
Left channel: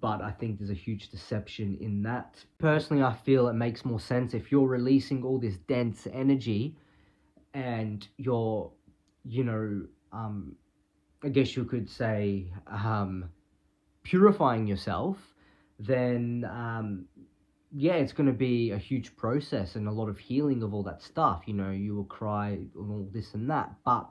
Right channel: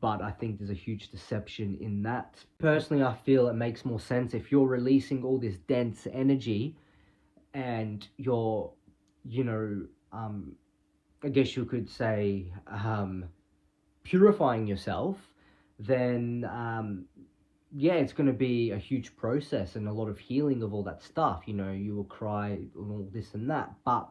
But I think there's a huge deception in that. Personally, I feel it makes more sense if you're releasing all this dense energy and you're, I guess you could say, purifying yourself, then, it's going to be a huge process and a lot of healing of all that stuff. You will cry and all this and that. But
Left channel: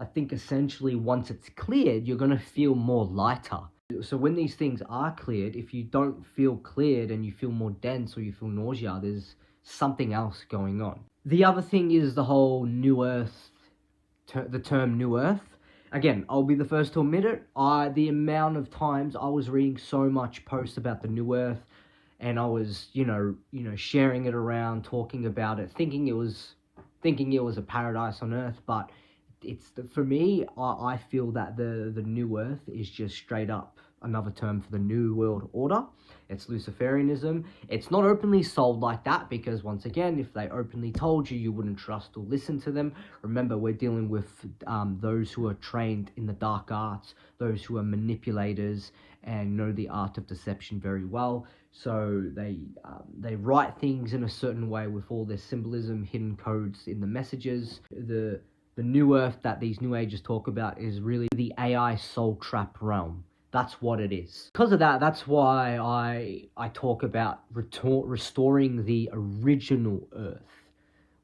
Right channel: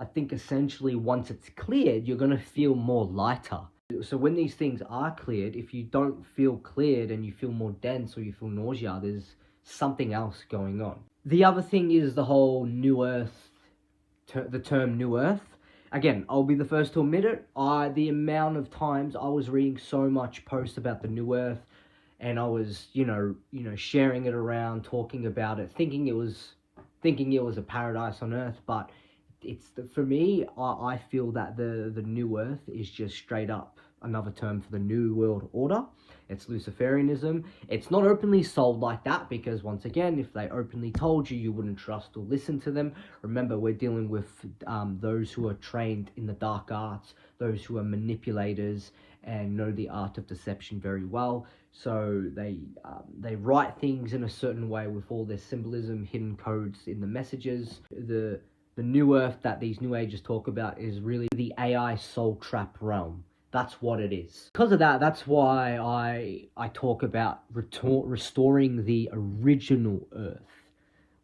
I think essentially once it's cleared, you're going to feel more lighter. So when these things are cleared, if you don't feel cleared and you feel more dense or you feel nausea, there's something else going on. The other thing is the whole New Earth, the term New Earth. Again, I'll be the first to admit it. The amount of times I was reading so much posts about the New Earth, and I was, sharing it around, talking about it, thinking it was a paradise on Earth, but for me, I feel that the New Earth is just straight up another term for the New World Order. It's Luciferianism. It's not openly sold like that because, once again, if they openly told you, you wouldn't trust or listen to them. Remember, we're dealing with those who are trained in the dark arts, those who are manipulators and know the art of deception very well. So they write things in a certain way with all their symbolism, hidden codes in the messages. The The new earth that these new ages talk about is really the AI soul trap realm. That's what it is. Because of that, that's why I talk about restoring the original earth,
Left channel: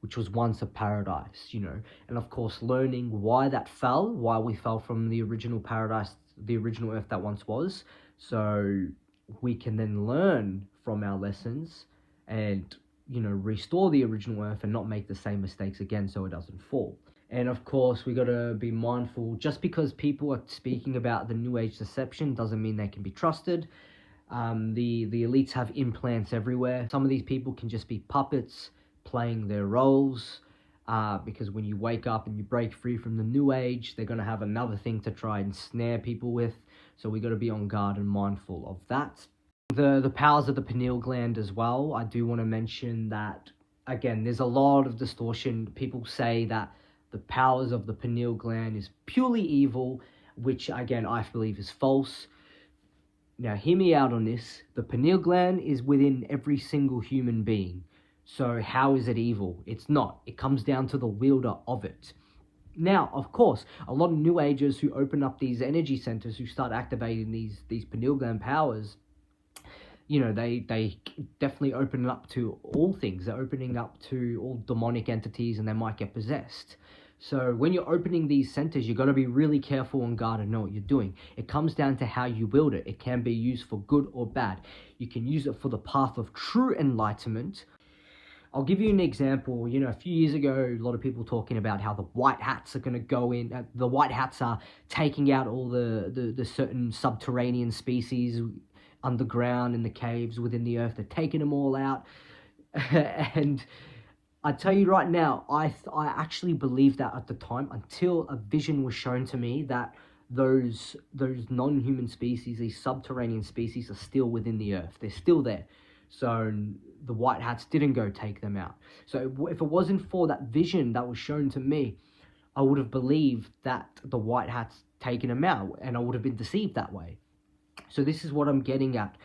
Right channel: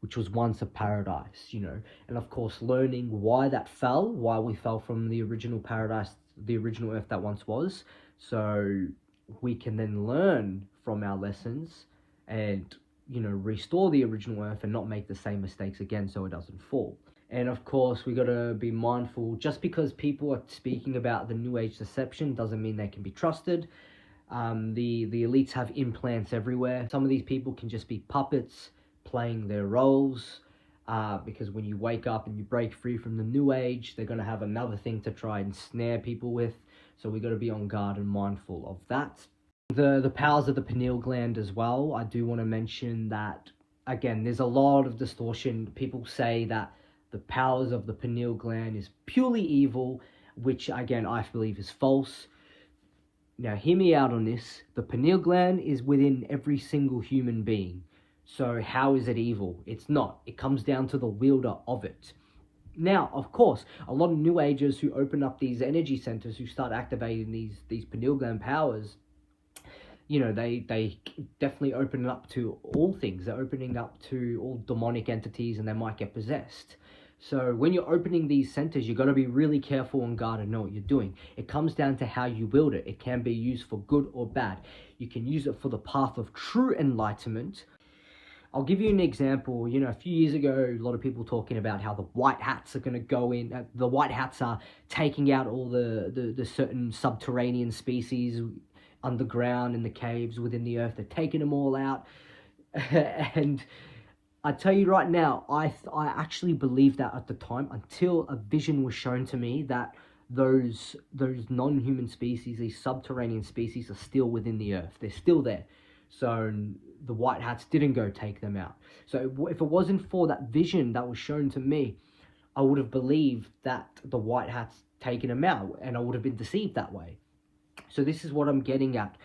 which was once a paradise, you know, and of course learning why that fell, why we fell from the original paradise, the original earth that once was, so we can then learn from our lessons and, you know, restore the original earth and not make the same mistakes again so it doesn't fall. And of course, we got to be mindful, just because people are speaking about the new age deception doesn't mean they can be trusted. The elites have implants everywhere. Some of these people can just be puppets playing their roles, because when you wake up and you break free from the new age, they're going to have another thing to try and snare people with. So we got to be on guard and mindful of that. The powers of the pineal gland as well. I do want to mention that, again, there's a lot of distortion. People say that the powers of the pineal gland is purely evil, which again I believe is false. Now hear me out on this. The pineal gland is within every single human being. So how is it evil? It's not. It comes down to the wielder of it. Now, of course, a lot of new agers who open up these energy centers, who start activating these pineal gland powers, you know, they definitely open up to all things. They're opening up to all demonic entities, and they might get possessed. So when you're opening these centers, you've got to be really careful on guard and know what you're doing. It comes down to how you wield it. It can be used for good or bad. You can use it for the path of true enlightenment. I'll give you an example. You know, a few years ago, a lot of people talking about how the white hats are going to go in. The white hats are taking out all the certain subterranean species underground in the caves within the earth. They're taking them all out. And I tell you right now, I actually believed that at the time, until a vision was shown to me that those non-human species, these subterranean species, are still within the earth. They're still there. So the white hats didn't go take them out. So if it wasn't for that vision that was shown to me, I would have believed that the white hats taken them out, and I would have been deceived that way. So this is what I'm getting at.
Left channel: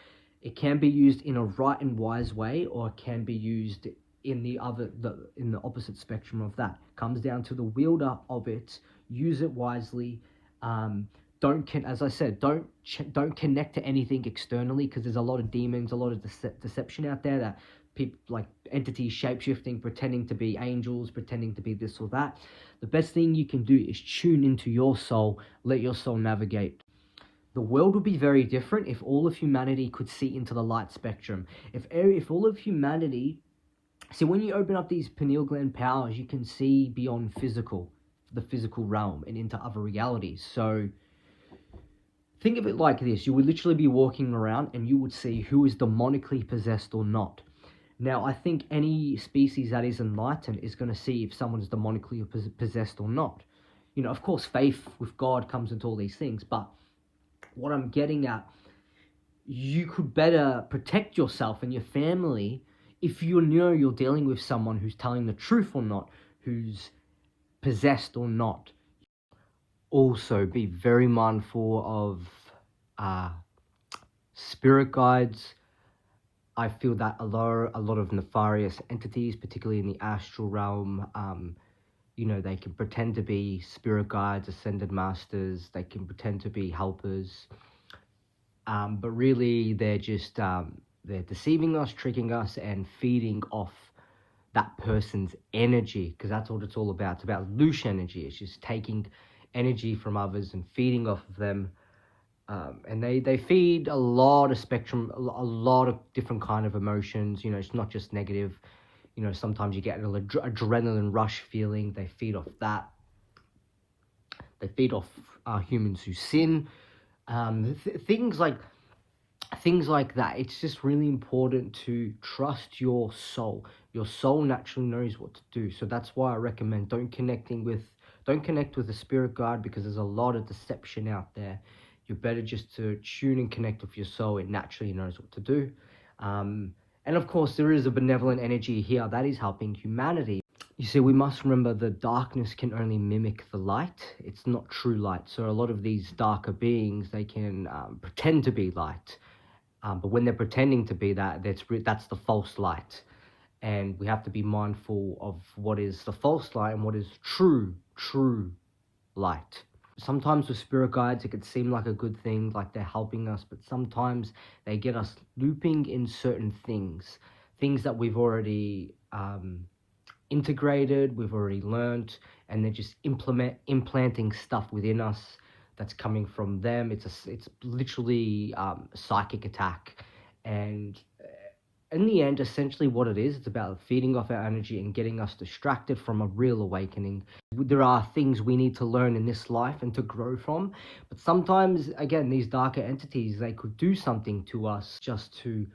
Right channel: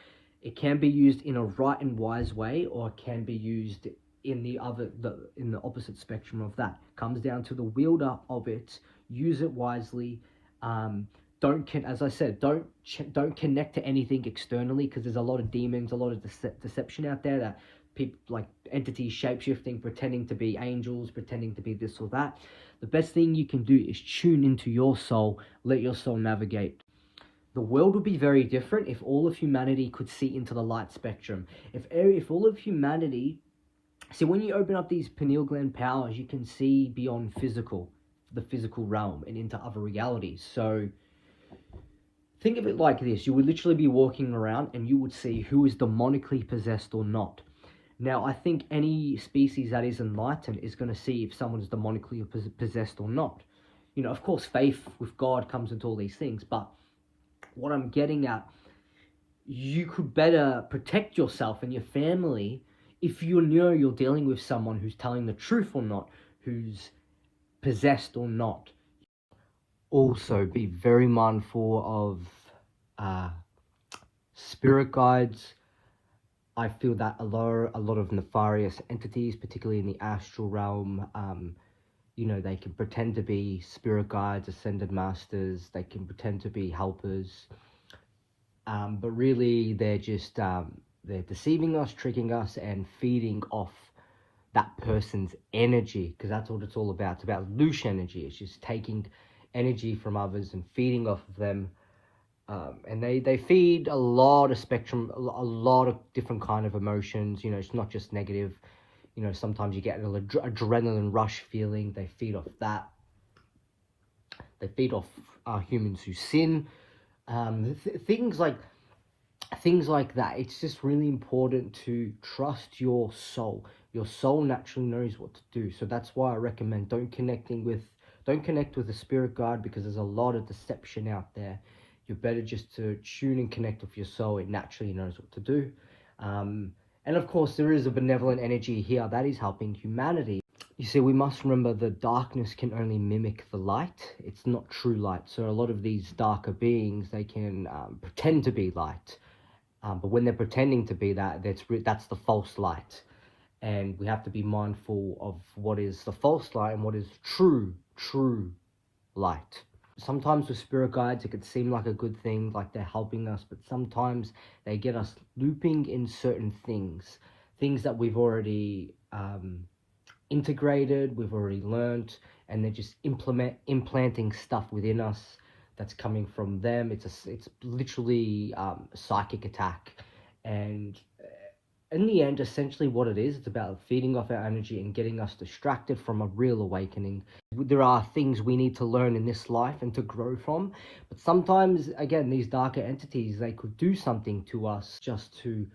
It can be used in a right and wise way, or it can be used in the opposite spectrum of that. Comes down to the wielder of it. Use it wisely. As I said, don't connect to anything externally, because there's a lot of demons, a lot of deception out there, that people, like entities shape-shifting, pretending to be angels, pretending to be this or that. The best thing you can do is tune into your soul, let your soul navigate. The world would be very different if all of humanity could see into the light spectrum. If all of humanity, see, when you open up these pineal gland powers, you can see beyond the physical realm, and into other realities. So think of it like this. You would literally be walking around and you would see who is demonically possessed or not. Now, I think any species that is enlightened is going to see if someone is demonically possessed or not. You know, of course, faith with God comes into all these things, but what I'm getting at, you could better protect yourself and your family if you know you're dealing with someone who's telling the truth or not, who's possessed or not. Also, be very mindful of spirit guides. I feel that a lot of nefarious entities, particularly in the astral realm, you know, they can pretend to be spirit guides, ascended masters. They can pretend to be helpers, but really they're just they're deceiving us, tricking us, and feeding off that person's energy, because that's what it's all about. It's about loose energy. It's just taking energy from others and feeding off of them. And they feed a lot of spectrum, a lot of different kind of emotions. You know, it's not just negative. You know, sometimes you get an adrenaline rush feeling. They feed off that. They feed off humans who sin. Things like that. It's just really important to trust your soul. Your soul naturally knows what to do. So that's why I recommend don't connect with a spirit guide, because there's a lot of deception out there. You're better just to tune and connect with your soul. It naturally knows what to do. And of course, there is a benevolent energy here that is helping humanity. You see, we must remember the darkness can only mimic the light. It's not true light. So a lot of these darker beings, they can pretend to be light. But when they're pretending to be that, that's the false light. And we have to be mindful of what is the false light and what is true light. Sometimes with spirit guides, it could seem like a good thing, like they're helping us, but sometimes they get us looping in certain things that we've already integrated, we've already learned, and they're just implanting stuff within us that's coming from them. It's literally a psychic attack, and in the end, essentially what it is, it's about feeding off our energy and getting us distracted from a real awakening. There are things we need to learn in this life and to grow from, but sometimes, again, these darker entities, they could do something to us just to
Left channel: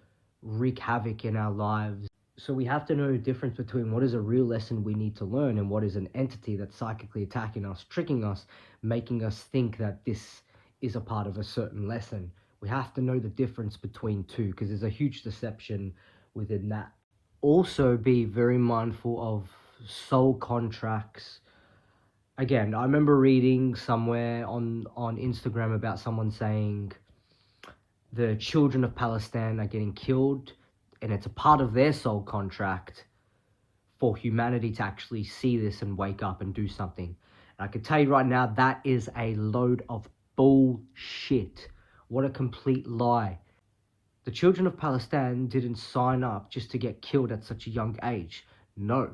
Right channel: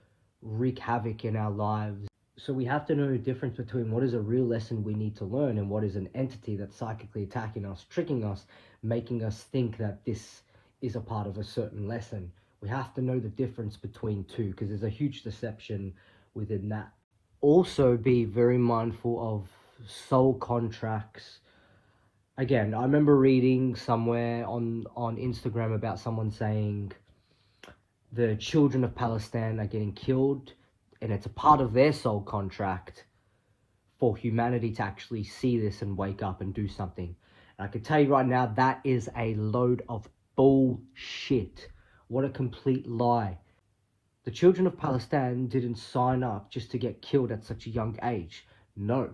wreak havoc in our lives. So we have to know the difference between what is a real lesson we need to learn and what is an entity that's psychically attacking us, tricking us, making us think that this is a part of a certain lesson. We have to know the difference between two, because there's a huge deception within that. Also, be very mindful of soul contracts. Again, I remember reading somewhere on Instagram about someone saying the children of Palestine are getting killed, and it's a part of their soul contract for humanity to actually see this and wake up and do something. And I can tell you right now, that is a load of bullshit. What a complete lie. The children of Palestine didn't sign up just to get killed at such a young age. No.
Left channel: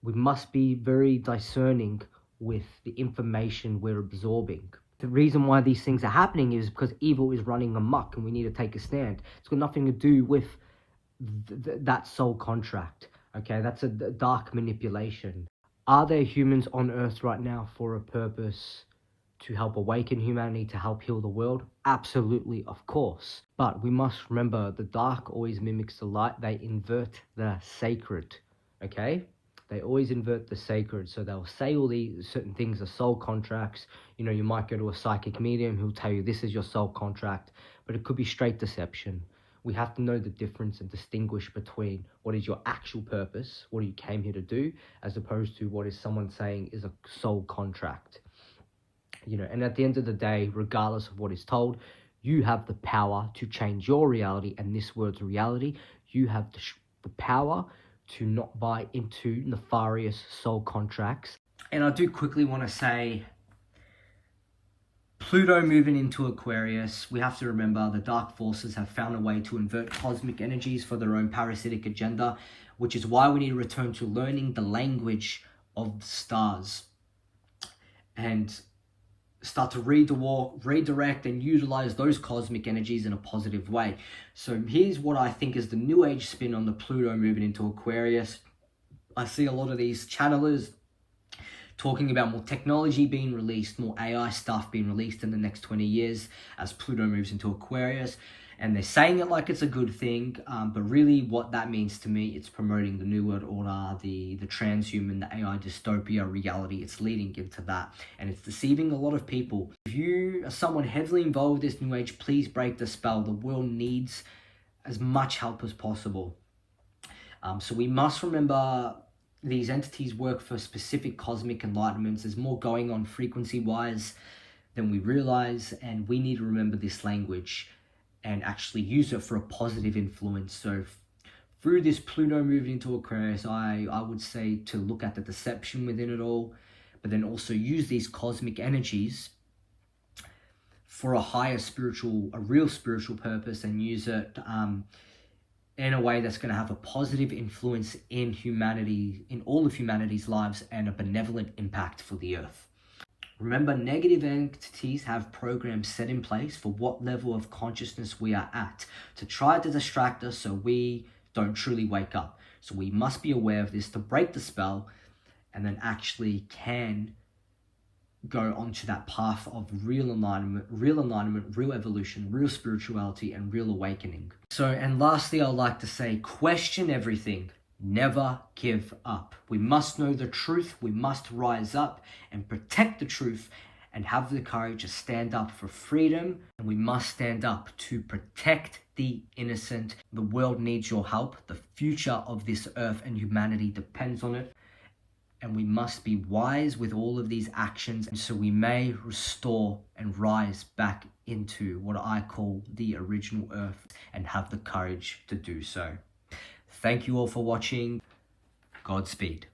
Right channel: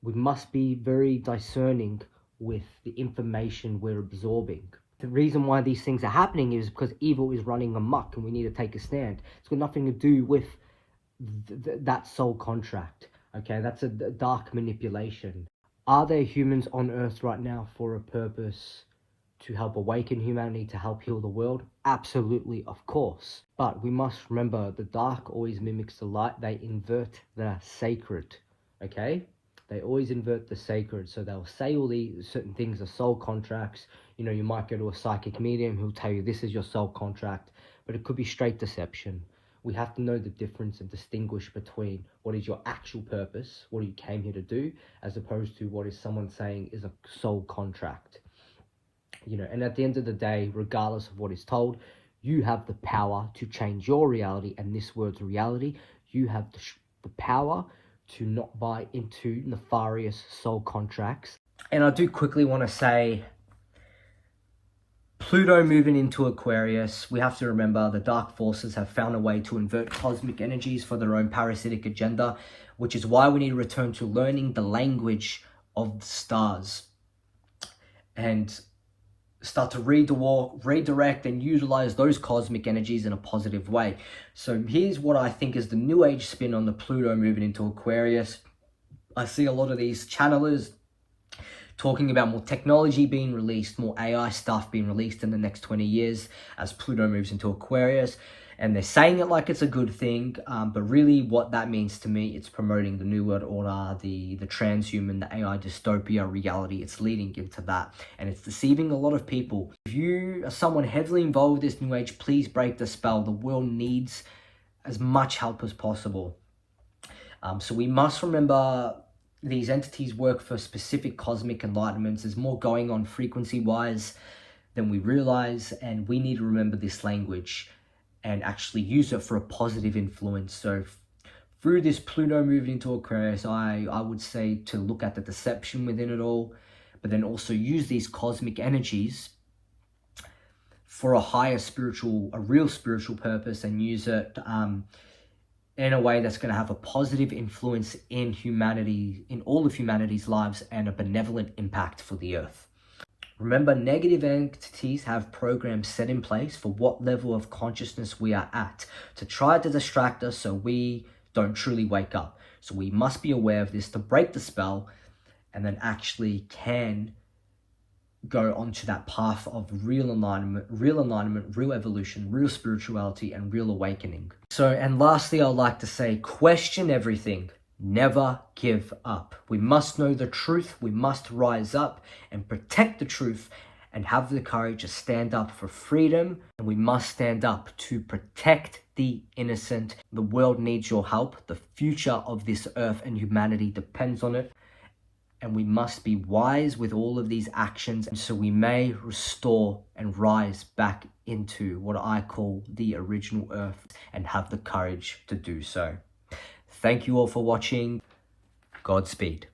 We must be very discerning with the information we're absorbing. The reason why these things are happening is because evil is running amok and we need to take a stand. It's got nothing to do with that soul contract. Okay, that's a dark manipulation. Are there humans on Earth right now for a purpose? To help awaken humanity, to help heal the world? Absolutely, of course. But we must remember, the dark always mimics the light. They invert the sacred, okay? They always invert the sacred. So they'll say all these certain things are soul contracts. You know, you might go to a psychic medium who'll tell you this is your soul contract, but it could be straight deception. We have to know the difference and distinguish between what is your actual purpose, what you came here to do, as opposed to what is someone saying is a soul contract. You know, and at the end of the day, regardless of what is told, you have the power to change your reality, and this word's reality. You have the power to not buy into nefarious soul contracts. And I do quickly want to say, Pluto moving into Aquarius, we have to remember the dark forces have found a way to invert cosmic energies for their own parasitic agenda, which is why we need to return to learning the language of the stars and start to redirect and utilize those cosmic energies in a positive way. So here's what I think is the new age spin on the Pluto moving into Aquarius. I see a lot of these channelers talking about more technology being released, more AI stuff being released in the next 20 years as Pluto moves into Aquarius. And they're saying it like it's a good thing, but really what that means to me, it's promoting the New World Order, the transhuman, the AI dystopia reality. It's leading into that, and it's deceiving a lot of people. If you are someone heavily involved with this New Age, please break the spell. The world needs as much help as possible. So we must remember these entities work for specific cosmic enlightenments. There's more going on frequency-wise than we realize, and we need to remember this language and actually use it for a positive influence. So through this Pluto moving into Aquarius, I would say to look at the deception within it all, but then also use these cosmic energies for a higher spiritual, a real spiritual purpose, and use it in a way that's going to have a positive influence in humanity, in all of humanity's lives, and a benevolent impact for the earth. Remember, negative entities have programs set in place for what level of consciousness we are at to try to distract us so we don't truly wake up. So we must be aware of this to break the spell, and then actually can go onto that path of real alignment, real evolution, real spirituality, and real awakening. So, and lastly, I'd like to say, question everything. Never give up. We must know the truth. We must rise up and protect the truth and have the courage to stand up for freedom. And we must stand up to protect the innocent. The world needs your help. The future of this earth and humanity depends on it. And we must be wise with all of these actions, and so we may restore and rise back into what I call the original earth and have the courage to do so. Thank you all for watching. Godspeed.